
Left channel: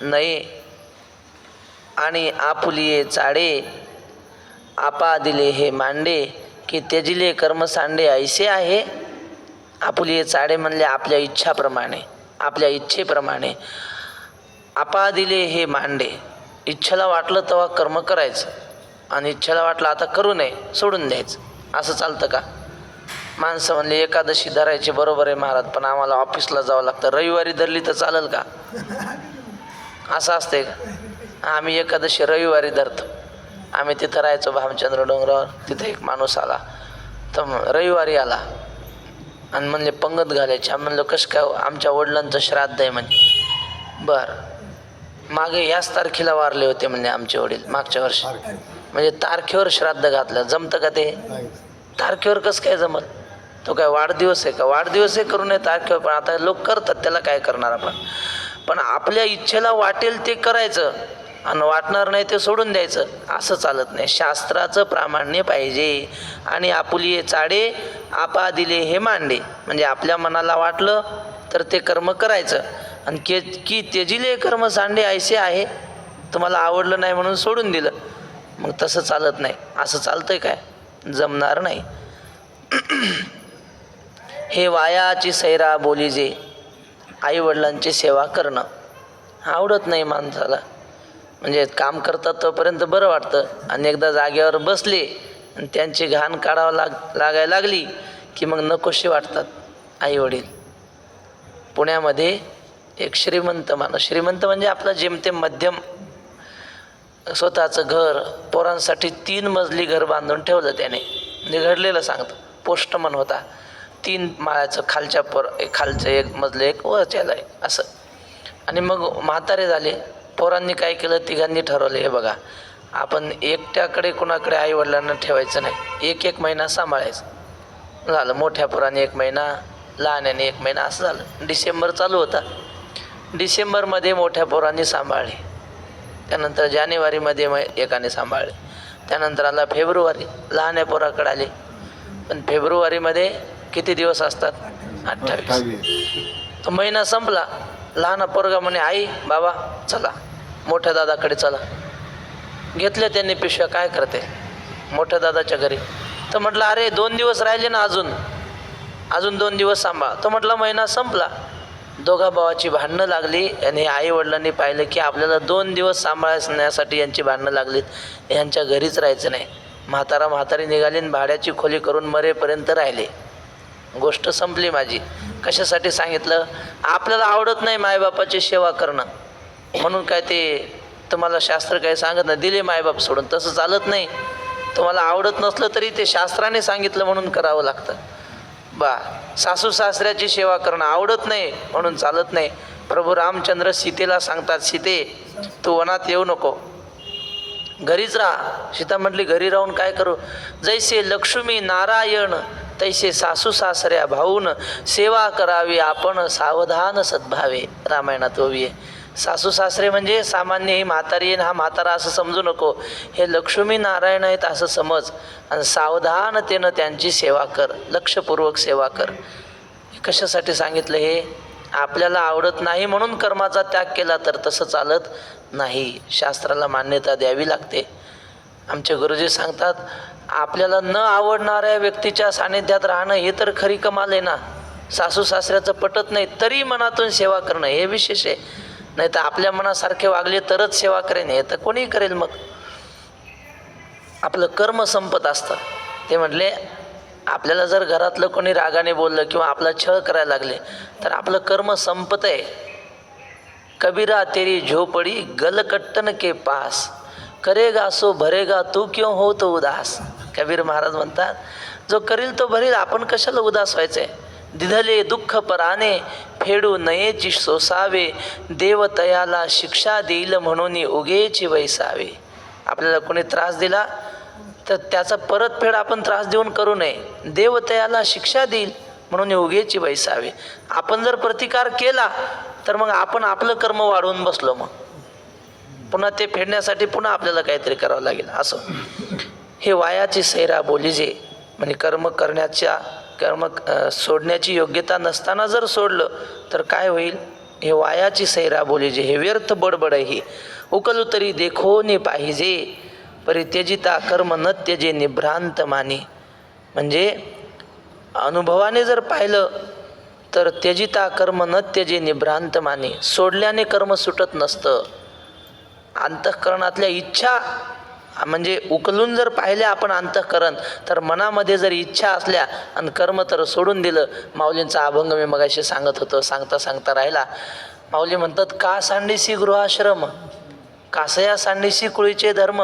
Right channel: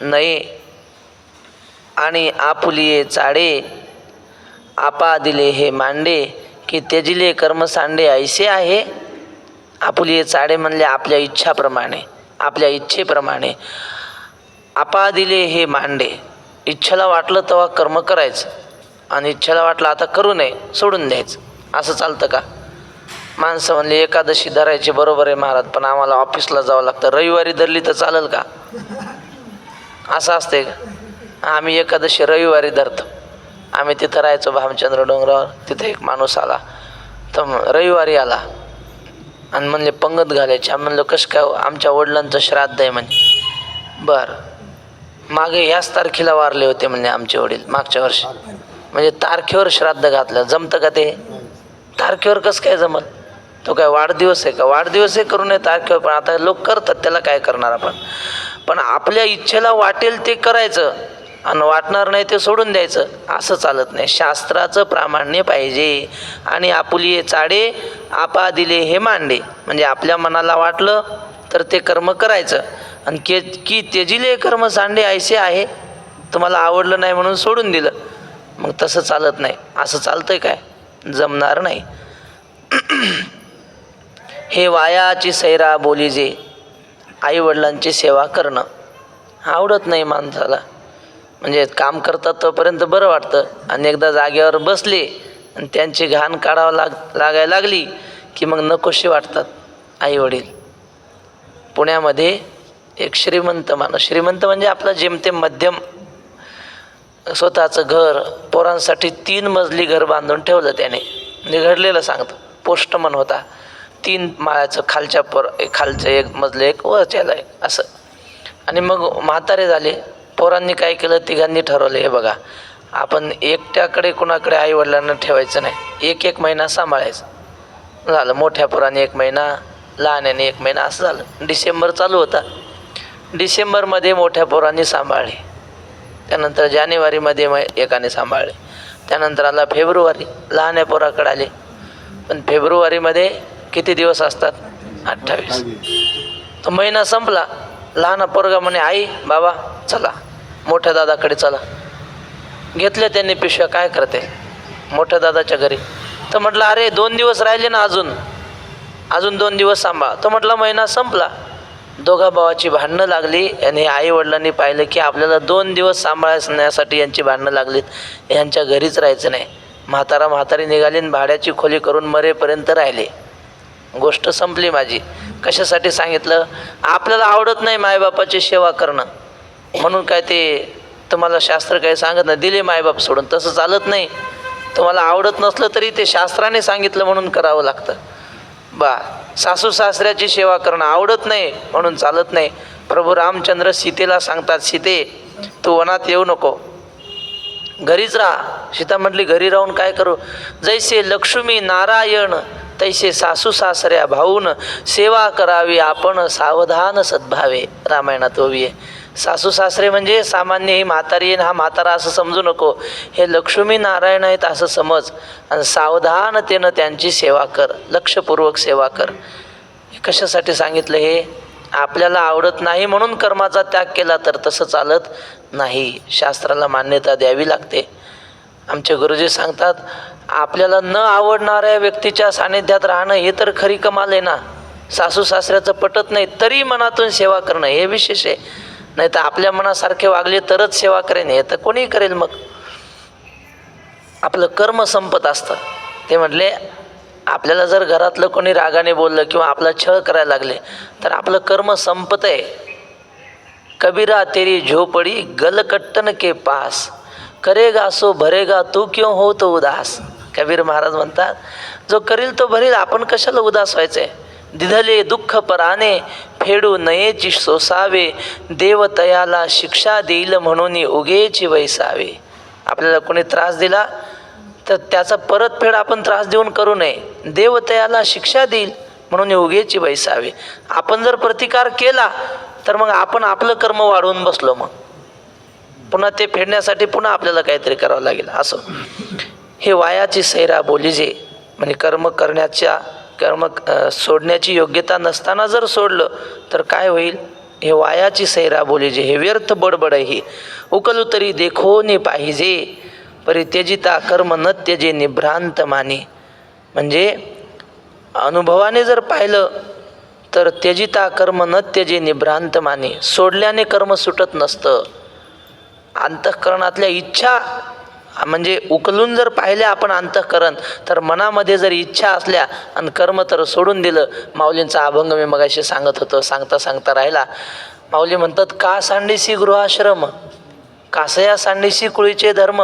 नये. आणि आपुलिये चाडे आपा दिले हे मांडे, की त्यजिले कर्म सांडे ऐसे आहे. आपुलिये चाडे म्हणले आपल्या इच्छाप्रमाणे, आपल्या इच्छेप्रमाणे. आपा दिले हे मांडे, इच्छेला वाटलं तेव्हा कर्म करायचं, आणि इच्छेला वाटलं आता करू नये, सोडून द्यायचं. असं चालतं का? माणसं म्हणले एकादशी धरायची, बरोबर आहे महाराज, पण आम्हाला ऑफिसला जावं लागतं, रविवारी धरली तर चालेल का? असं असतंय का? आम्ही एकादशी रविवारी धरतो. आम्ही तिथं राहायचो भामचंद्र डोंगरावर. तिथं एक माणूस आला, तर रविवारी आला आणि म्हणले पंगत घालायची. आम्ही म्हणलं कसं काय? आमच्या वडिलांचं श्राद्ध आहे म्हणे. बरं, मागे याच तारखेला वारले होते म्हणजे आमचे वडील, मागच्या वर्षी. म्हणजे तारखेवर श्राद्ध घातलं, जमतं का ते? तारखेवर कसं काय जमल? तो काय वाढदिवस आहे का? वाढदिवस आहे करू नये तारखेवर, पण आता लोक करतात, त्याला काय करणार आपण? पण आपल्या इच्छेला वाटेल ते करायचं आणि वाटणार नाही ते सोडून द्यायचं, असं चालत नाही. शास्त्राचं प्रामाण्य पाहिजे. आणि आपुलिये चाडे आपा दिले हे मांडे, म्हणजे आपल्या मनाला वाटलं तर ते कर्म करायचं, आणि की त्यजिले कर्म सांडे ऐसे आहे, तुम्हाला आवडलं नाही म्हणून सोडून दिलं, मग तसं चालत नाही. असं चालतंय काय? जमणार नाही. हे वायाची सैरा बोली जे, आईवडिलांची सेवा करणं आवडत नाही माणसाला. म्हणजे काम करतात तोपर्यंत बरं वाटतं, आणि एकदा जागेवर बसले आणि त्यांची घाण काढावं लागायला लागली की मग नकोशी वाटतात आईवडील. पुण्यामध्ये एक श्रीमंत माणूस, श्रीमंत म्हणजे आपला जेमतेम मध्यम, स्वतःचं घर, पोरांसाठी 3 मजली घर बांधून ठेवलं त्याने. म्हणजे घडलेलं सांगतं. पोस्टमन होता. 3 माळ्याचं, खालचं 1 मजलं, 1 वरच्याला 1 असं. आणि मग म्हातारे झाले. पोरांनी काय केलं, तिघांनी ठरवलं, हे बघा आपण एकट्याकडे कुणाकडे आईवडिलांना ठेवायचं नाही, 1-1 महिना सांभाळायचं. झालं. मोठ्या पोराने 1 महिना, लहान्याने 1 महिना, असं झालं. डिसेंबर चालू होता. डिसेंबरमध्ये मोठ्या पोरांनी सांभाळले, त्यानंतर जानेवारीमध्ये एकाने सांभाळले, त्यानंतर आला फेब्रुवारी, लहान्या पोराकडे आले. पण फेब्रुवारीमध्ये किती दिवस असतात? 28. तो महिना संपला. लहान पोरगा म्हणे, आई बाबा चला मोठ्या दादाकडे चला. घेतल्या त्यांनी पिशव्या. काय करते? मोठ्या दादाच्या घरी. तर म्हटलं अरे 2 दिवस राहिले ना, अजून 2 दिवस सांभाळ. तो म्हटला महिना संपला. दोघा भावाची भांडणं लागली आणि आई वडिलांनी पाहिलं की आपल्याला 2 दिवस सांभाळण्यासाठी यांची भांडणं लागलीत, यांच्या घरीच राहायचं नाही. म्हातारी निघाली आणि भाड्याची खोली करून मरेपर्यंत राहिले. गोष्ट संपली माझी. कशासाठी सांगितलं? आपल्याला आवडत नाही मायबापाची सेवा करणं म्हणून काय ते तुम्हाला शास्त्र काही सांगत नाही, दिले मायबाप सोडून, तसं चालत नाही. तुम्हाला आवडत नसलं तरी ते शास्त्राने सांगितलं म्हणून करावं लागतं. सासू सासऱ्याची सेवा करणं आवडत नाही म्हणून चालत नाही. प्रभू रामचंद्र सीतेला सांगतात, सीते तू वनात येऊ नको, घरीच राहा. सीता म्हटली घरी राहून काय करू? जैसे लक्ष्मी नारायण तैसे सासू सासऱ्या भाऊन सेवा करावी आपण सावधान सद्भावे. रामायणात ओवी आहे. सासू सासरे म्हणजे सामान्य ही म्हातारी हा म्हातारा असं समजू नको, हे लक्ष्मी नारायण आहेत असं समज, आणि सावधानतेनं त्यांची सेवा कर, लक्षपूर्वक सेवा कर. कशासाठी सांगितलं हे? आपल्याला आवडत नाही म्हणून कर्माचा त्याग केला तर तसं चालत नाही, शास्त्राला मान्यता द्यावी लागते. आमचे गुरुजी सांगतात, आपल्याला न आवडणाऱ्या व्यक्तीच्या सानिध्यात राहणं हे तर खरी कमाल आहे ना. सासू सासऱ्याचं पटत नाही तरी मनातून सेवा करणं हे विशेष आहे. नाही तर आपल्या मनासारखे वागले तरच सेवा करेन, हे तर कोणीही करेल. मग आपलं कर्म संपत असतं. ते म्हटले आपल्याला जर घरातलं कोणी रागाने बोललं किंवा आपला छळ करायला लागले तर आपलं कर्म संपत आहे. कबीरा तेरी झोपडी गलकट्टन के पास, करेगा सो भरेगा तू क्यों हो तो उदास. कबीर महाराज म्हणतात, जो करील तो भरेल, आपण कशाला उदास व्हायचंय. दिधले दुःख पराने फेडू नयेची सोसावे, देव तयाला शिक्षा देईल म्हणून उगेची वैसावे. आपल्याला कोणी त्रास दिला तर त्याचा परतफेड आपण त्रास देऊन करू नये. देव तयाला शिक्षा देईल म्हणून उगेची वैसावे. आपण जर प्रतिकार केला तर मग आपण आपलं कर्म वाढवून बसलो, मग पुन्हा ते फेडण्यासाठी पुन्हा आपल्याला काहीतरी करावं लागेल. असं हे वायाची सैरा बोलीजे, म्हणजे कर्म सोडण्याची योग्यता नसताना जर सोडलं तर काय होईल? हे वायाची सैरा बोलीजे, हे व्यर्थ बडबड आहे. उकलू तरी देखो ने पाहिजे, परित्यजिता कर्म न त्यजे निभ्रांत माने. म्हणजे अनुभवाने जर पाहिलं तर त्यजिता कर्म न त्यजे निभ्रांत माने, सोडल्याने कर्म सुटत नसतं. अंतःकरणातल्या इच्छा, म्हणजे उकलून जर पाहिल्या आपण अंतःकरण, तर मनामध्ये जर इच्छा असल्या आणि कर्म तर सोडून दिलं. माऊलींचा अभंग मी मगाशी सांगत होतो, सांगता राहिला. माऊली म्हणतात, का सांडीसी गृहाश्रम, कासया सांडीसी कुळीचे धर्म,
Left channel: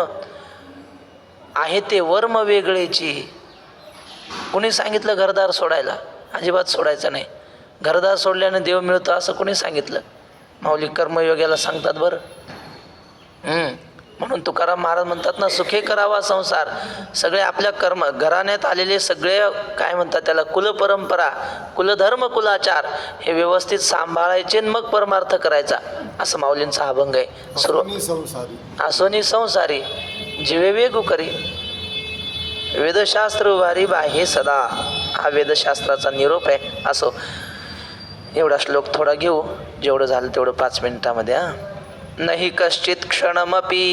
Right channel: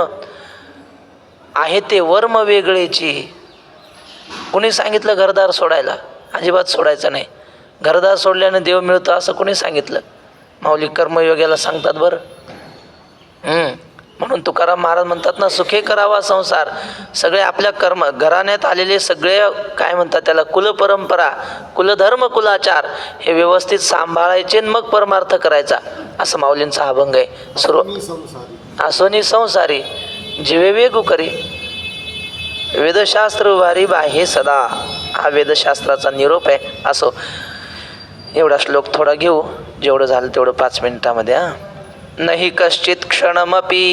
आहे ते वर्म वेगळेची. कुणी सांगितलं घरदार सोडायला? अजिबात सोडायचं नाही. घरदार सोडल्याने देव मिळतो असं कोणी सांगितलं? माऊली कर्मयोग्याला सांगतात बरं. म्हणून तुकाराम महाराज म्हणतात ना, सुखे करावा संसार. सगळे आपल्या घराण्यात आलेले सगळे काय म्हणतात त्याला, कुलपरंपरा, कुलधर्म, कुलाचार हे व्यवस्थित सांभाळायचे मग परमार्थ करायचा, असं माऊलींचा अभंग आहे. असोनी संसारी जीवे वेगू करी, वेदशास्त्र उभारी बाहे सदा. हा वेदशास्त्राचा निरोप आहे. असो, एवढा श्लोक थोडा घेऊ, जेवढं झालं तेवढं 5 मिनिटामध्ये. नहि कश्चित क्षणमपि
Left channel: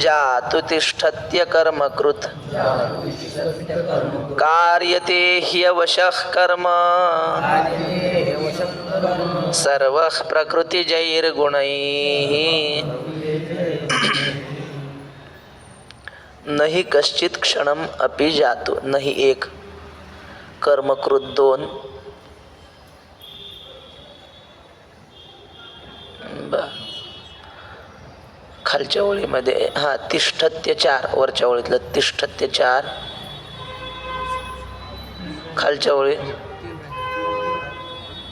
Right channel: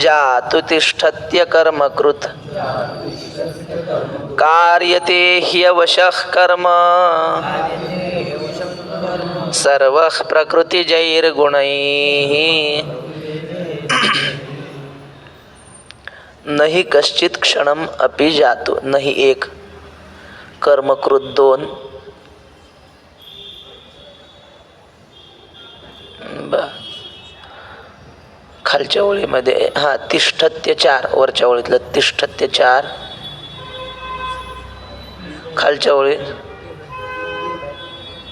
जातु तिष्ठत्य कर्मकृत, कार्यते ह्यवशः कर्म सर्वः प्रकृतिजैर्गुणैः. नहि कश्चित क्षणम अपि जातु, नहि एक, कर्मकृत 2, खालच्या ओळीमध्ये तिष्ठत्य 4, वरच्या ओळीतलं तिष्ठत्य 4, खालच्या ओळी.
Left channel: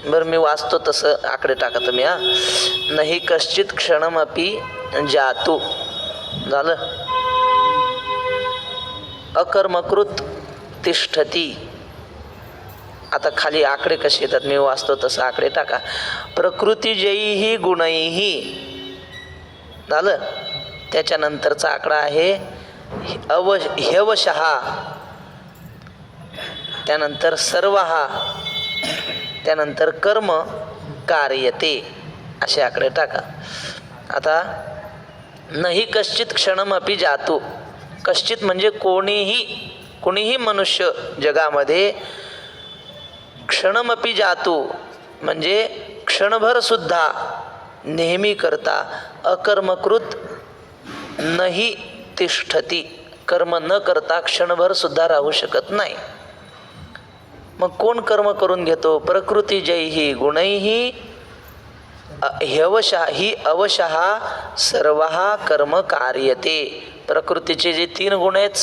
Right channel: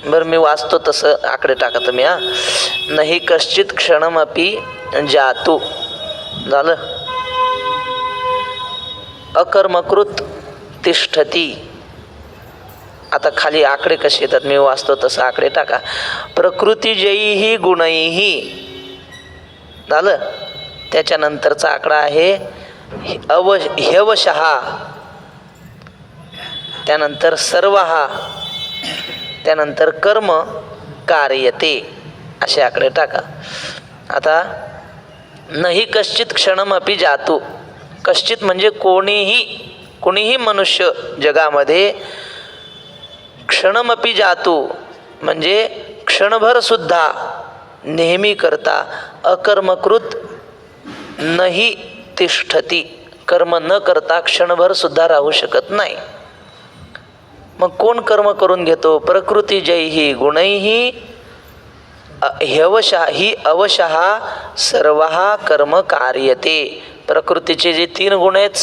बरं मी वाचतो तसं आकडे टाका तुम्ही. नाही कश्चित क्षणमपि जातु झालं, अकर्मकृत तिष्ठती. आता खाली आकडे कसे येतात मी वाचतो तसं आकडे टाका. प्रकृतिजैहि गुणैहि झालं. त्याच्यानंतरचा आकडा आहे ह्यवशः, त्यानंतर सर्वहा, त्यानंतर कर्म कार्यते, असे आकडे टाका. आता नाही कश्चित क्षणमपि जातु. कश्चित म्हणजे कोणीही मनुष्य जगामध्ये क्षणमपि जातु म्हणजे क्षणभर सुद्धा नेहमी करता अकर्मकृत नाही तिष्ठती. कर्म न करता क्षणभर सुद्धा राहू शकत नाही. मग कोण कर्म करून घेतो? प्रकृती जैही गुणैही ह्यवशः अवशः सर्वः कर्म कार्यते. प्रकृतीचे जे 3 गुण आहेत,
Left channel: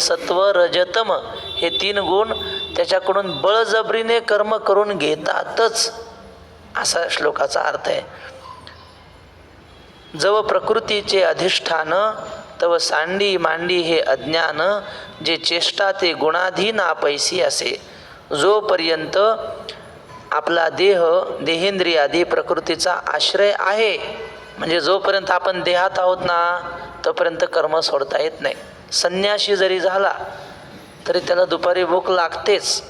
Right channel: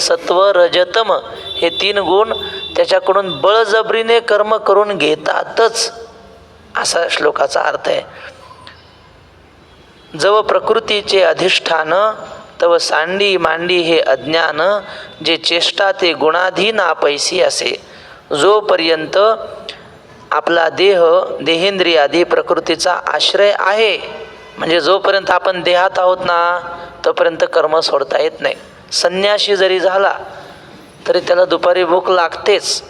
सत्व रजतम, हे 3 गुण त्याच्याकडून बळजबरीने कर्म करून घेतातच, असा श्लोकाचा अर्थ आहे. जव प्रकृतीचे अधिष्ठान तव सांडी मांडी हे अज्ञान, जे चेष्टा ते गुणाधीन आपैसी असे. जोपर्यंत आपला देहेंद्रिय आदी प्रकृतीचा आश्रय आहे, म्हणजे जोपर्यंत आपण देहात आहोत ना, तोपर्यंत कर्म सोडता येत नाही. संन्यासी जरी झाला तरी त्याला दुपारी भूक लागतेच.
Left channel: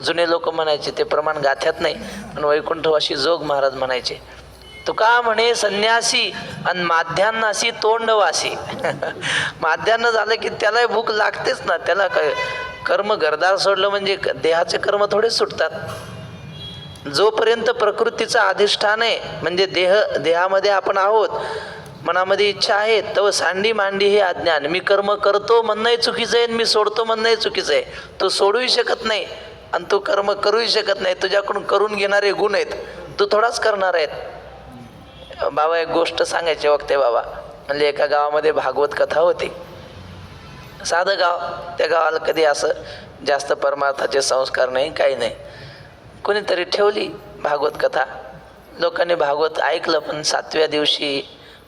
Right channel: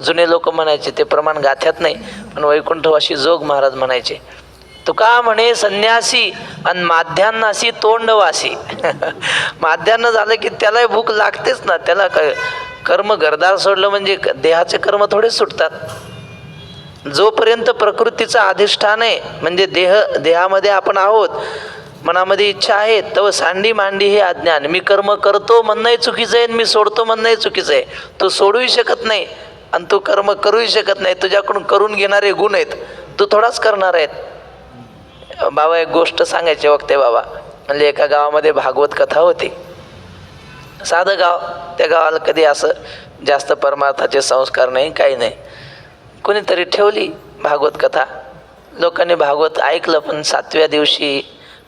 जुने लोक म्हणायचे, ते प्रमाण गाथ्यात नाही, पण वैकुंठवासी जोग महाराज म्हणायचे, तुका म्हणे संन्यासी आणि माध्यान्नासी तोंडवासी. माध्यान्न झालं की त्यालाही भूक लागतेच ना. त्याला कर्म घरदार सोडलं म्हणजे देहाचे कर्म थोडेच सुटतात. जोपर्यंत प्रकृतीचं अधिष्ठान आहे, म्हणजे देहामध्ये आपण आहोत, मनामध्ये इच्छा आहे, तव सांडी मांडी हे अज्ञान. मी कर्म करतो म्हणणंही चुकीचं आहे, मी सोडतो म्हणणंही चुकीचं आहे. तू सोडूही शकत नाही आणि तू कर्म करूही शकत नाही. तुझ्याकडून करून घेणारे गुण आहेत, तू थोडाच करणार आहेत. बाबा एक गोष्ट सांगायची वक्ते बाबा म्हणजे, एका गावामध्ये भागवत कथा होती. साधं गाव, त्या गावाला कधी असं जास्त परमार्थाचे संस्कार नाही, काही नाही. कोणीतरी ठेवली भागवत कथा, लोकांनी भागवत ऐकलं. पण 7व्या दिवशी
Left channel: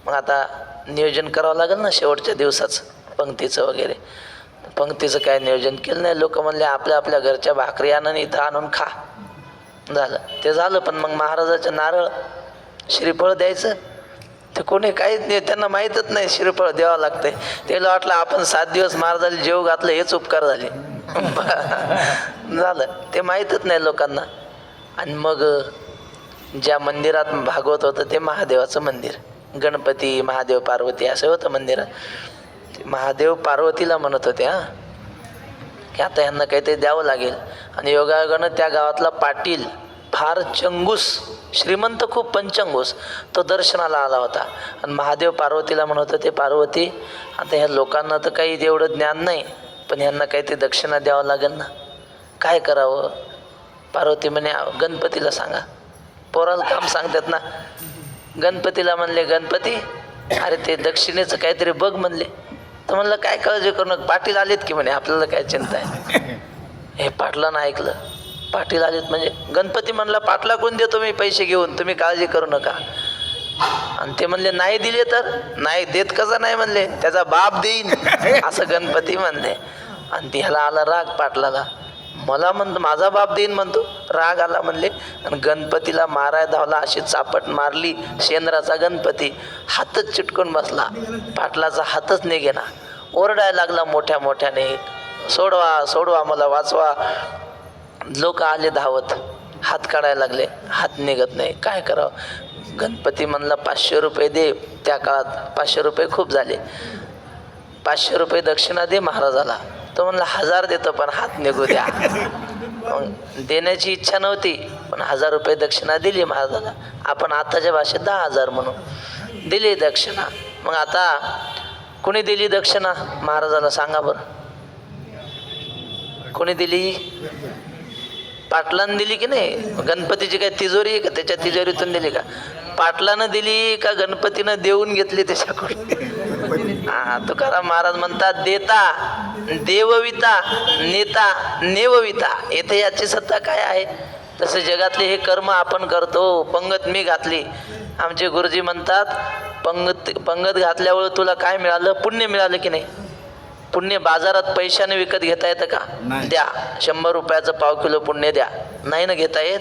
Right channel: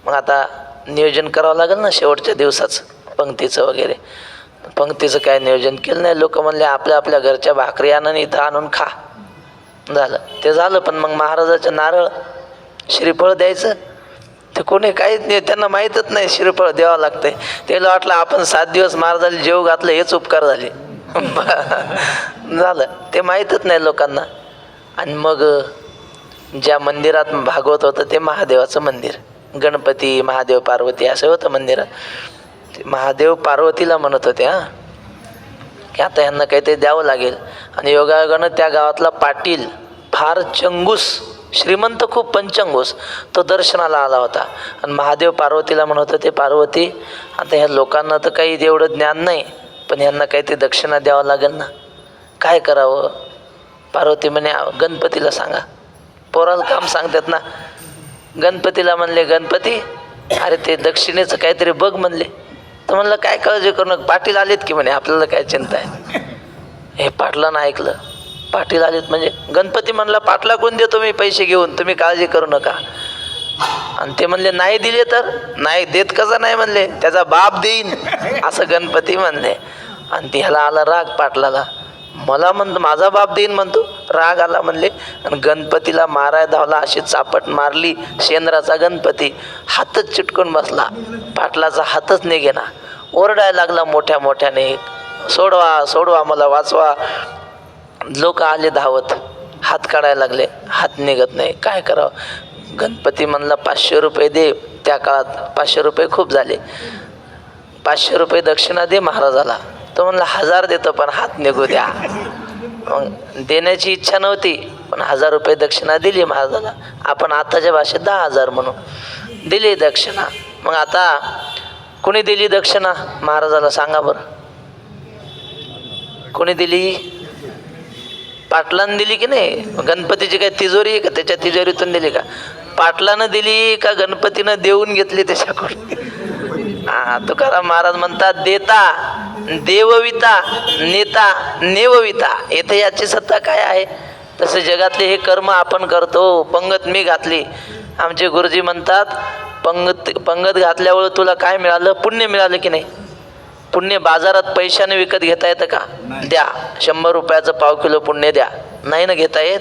मग आता नियोजन करावं लागेल ना शेवटच्या दिवसाचं, पंक्तीचं वगैरे. पंक्तीचं काय नियोजन केलं नाही. लोक म्हणले आपल्या आपल्या घरच्या भाकरी आणून इथं आणून खा. झालं ते झालं. पण मग महाराजाचं नारळ श्रीफळ द्यायचं, ते कोणी काहीच नाही, त्यांना माहीतच नाही श्रीफळ द्यावं लागतंय. त्याला वाटलं आपण 7 दिवस महाराजाला जेव घातलं हेच उपकार झाले. झालं ते माहीतच नाही लोकांना. आणि मग ज्या मंदिरात भागवत होतं ते महादेवाचं मंदिर, गणपती महादेव पार्वती असं होतं मंदिरात. महादेव पार्वतीला म्हणत होते की आता यांना काहीतरी द्यावं लागेल. आणि योगायोगानं त्या गावातला पाटील फार चंगूस, श्रीमंत खूप पंचंगूस, तो दर्शनाला आला होता. आणि महादेव पार्वतीला म्हणत होते, पार्वती आता ह्या लोकांना तर काही एवढं ज्ञान नाही, पण ह्यांना काहीतरी दक्षिणा द्यावं लागेल ना, काय करावं? पार्वती म्हणे गणपतीला सांगा. पोराला काम सांगतात ना. गणपतीला म्हणले, गणपती अरे ते दक्षिणेचं काहीतरी बघ म्हणले. तर म्हणलं काय काळजी करू नका, पाटील आलेत की म्हणे, आपल्याला काय चिंता आहे. हे पाटलानं ऐकलं, पाटील आलेत म्हणजे गणपती म्हणला पाटला कोण देतो मी पैसे घेऊन, तुम्ही काळजी करू नका. आणि ते म्हणले नाही दिले तर? नाही देत कसं नाही म्हणले, त्याचा बाप देईन असं गणपती म्हणले. आणि त्याला आला राग पाटलाला, मला म्हणतो माझा बाप देईन म्हणतो, राग आला म्हणले. आणि गणपतीला माराय धावला, अशी चापट मारली शेंद्राचा गणपती, हातच चिटकून बसला. पाटलाचा हातच निघेना, ओरडायला लागला मोठ्या मोठ्याने, सोडवा सोडवा मला वाचवा. लोक आले धावत, हात काढायला लागले, हात निघत नाही, काय करावं? गणपती म्हणला 500 रुपये दे. त्या काळात 500 रुपये खूप झाले. 500 रुपये दक्षिणा दे महाराजाला. तो म्हणला 1000 देतो पण हात निघू द्या. मग देण्याची इच्छा नव्हती, पण 1000 रुपये दक्षिणा दिली महाराजाला. आपण आताच्या भाषेत 10,000 म्हणून दिली दक्षिणा. मग आता कोणी दिली दक्षिणा महाराजाला सांगा बरं? कोणी दिली? पाटलानं दिली की नाही? गणपतीची काय तिजोरी आहे का, त्याच्या तिजोरीतून दिली का? पाटलानं दिली का गणपतीनं देऊन घेतली त्याच्याकडून? तुकाराम महाराज म्हणतात, देता देवविता नेता नेवविता. येथे याची सत्ता काय आहे? तसे जगातले हे कर्म आपण करतो. पंगत मी घातली, आमचे गुरुजी म्हणतात पंगत घातल्यावर तुला काय मिळालं? पुण्य मिळालं की नाही? पुण्य बाजारात पैशाने विकत घेता येतं का? द्या 100 रुपयाचं पाव किलो पुण्य द्या, नाही ना घेता येत.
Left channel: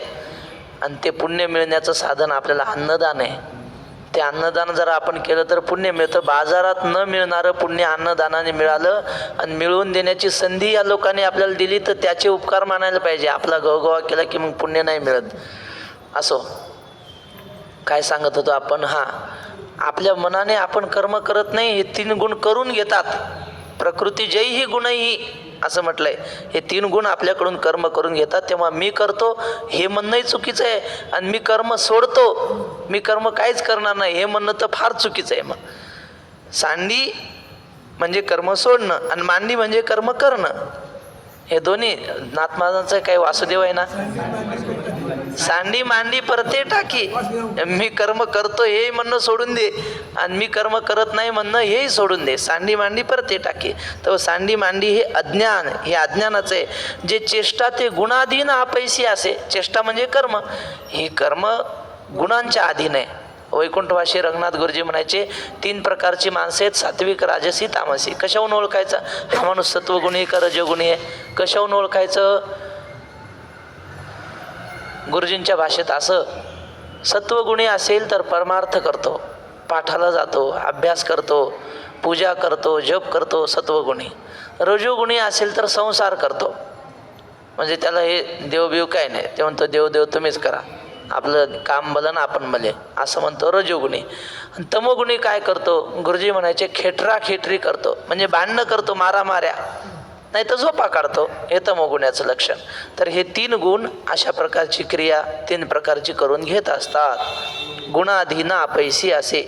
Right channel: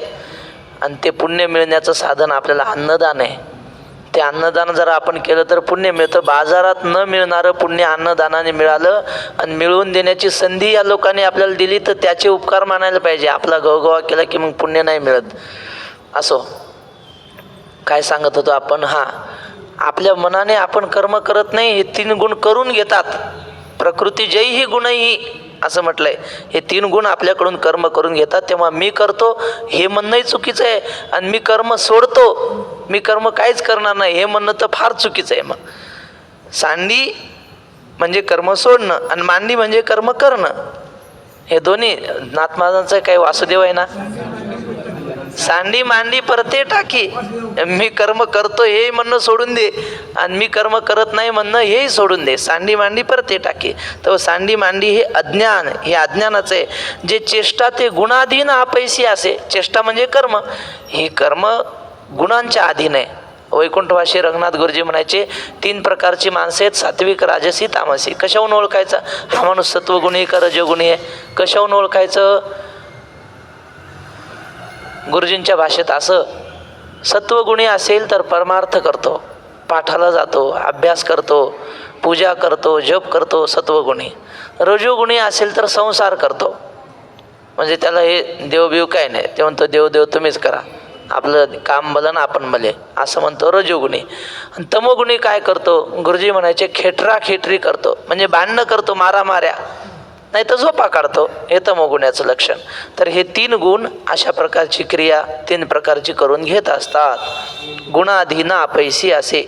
आणि ते पुण्य मिळण्याचं साधन आपल्याला अन्नदान आहे. ते अन्नदान जर आपण केलं तर पुण्य मिळतं. बाजारात न मिळणारं पुण्य अन्नदानाने मिळालं आणि मिळवून देण्याची संधी या लोकांनी आपल्याला दिली, तर त्याचे उपकार मानायला पाहिजे. आपला गवगवा केला की मग पुण्य नाही मिळत. असो काय सांगत होतो आपण? आपल्या मनाने आपण कर्म करत नाही, हे 3 गुण करून घेतात. प्रकृती जय ही गुणही असं म्हटलंय. हे 3 गुण आपल्याकडून कर्म करून घेतात. तेव्हा मी करतो हे म्हणणंही चुकीचं आहे, आणि मी कर्म सोडतो, मी कर्म काहीच करणार नाही हे म्हणणं तर फार चुकीचं आहे. मग सांडी म्हणजे कर्म सोडणं आणि मांडी म्हणजे कर्म करणं. हे दोन्ही नाथ महाराजांचं काही वासुदेव आहे ना, सांडी मांडी परते टाकी. मी कर्म करतो हे म्हणणं सोडून दे, आणि मी कर्म करत नाही म्हणणं हेही सोडून दे. सांडी मांडी परते टाकी. तर सांडी मांडी हे अज्ञान, हे अज्ञानाचं आहे. जे चेष्टा ते गुणाधीन अपैसी असे. चेष्टा म्हणजे कर्म, हे कर्म गुणांच्या अधीन आहे. वैकुंठवासी रंगनाथ गुरुजी म्हणायचे 3 प्रकारची माणसं आहेत, सात्विक, राजसी, तामसी. कशाहून ओळखायचं हा माणूस सत्वगुणी का रजोगुणी आहे? कशाहून ओळखायचं? गुरुजींच्या भाषेत असं, सत्वगुणी असेल तर परमार्थ करतो, पाठाला जातो, अभ्यास करतो, पूजा करतो, जप करतो, सत्वगुणी. रजोगुणी असेल तर संसार करतो, म्हणजे त्याला हे देवबिव काय नाही, ते म्हणतो देव तुम्हीच करा, आपलं काम भलं ना आपण भले, असं म्हणतो रजोगुणी. आणि तमोगुणी काय करतो? गुरुजी म्हणायचे खेटरी करतो, म्हणजे भांडणं करतो, मारामाऱ्या, नाही तर झोपा काढतो. हे तमोगुण्याचं लक्षण. तर हे 3 गुण अशा प्रकारची क्रिया 3 प्रकारची करून घेत असतात. गुणाधीन अपैसी असे.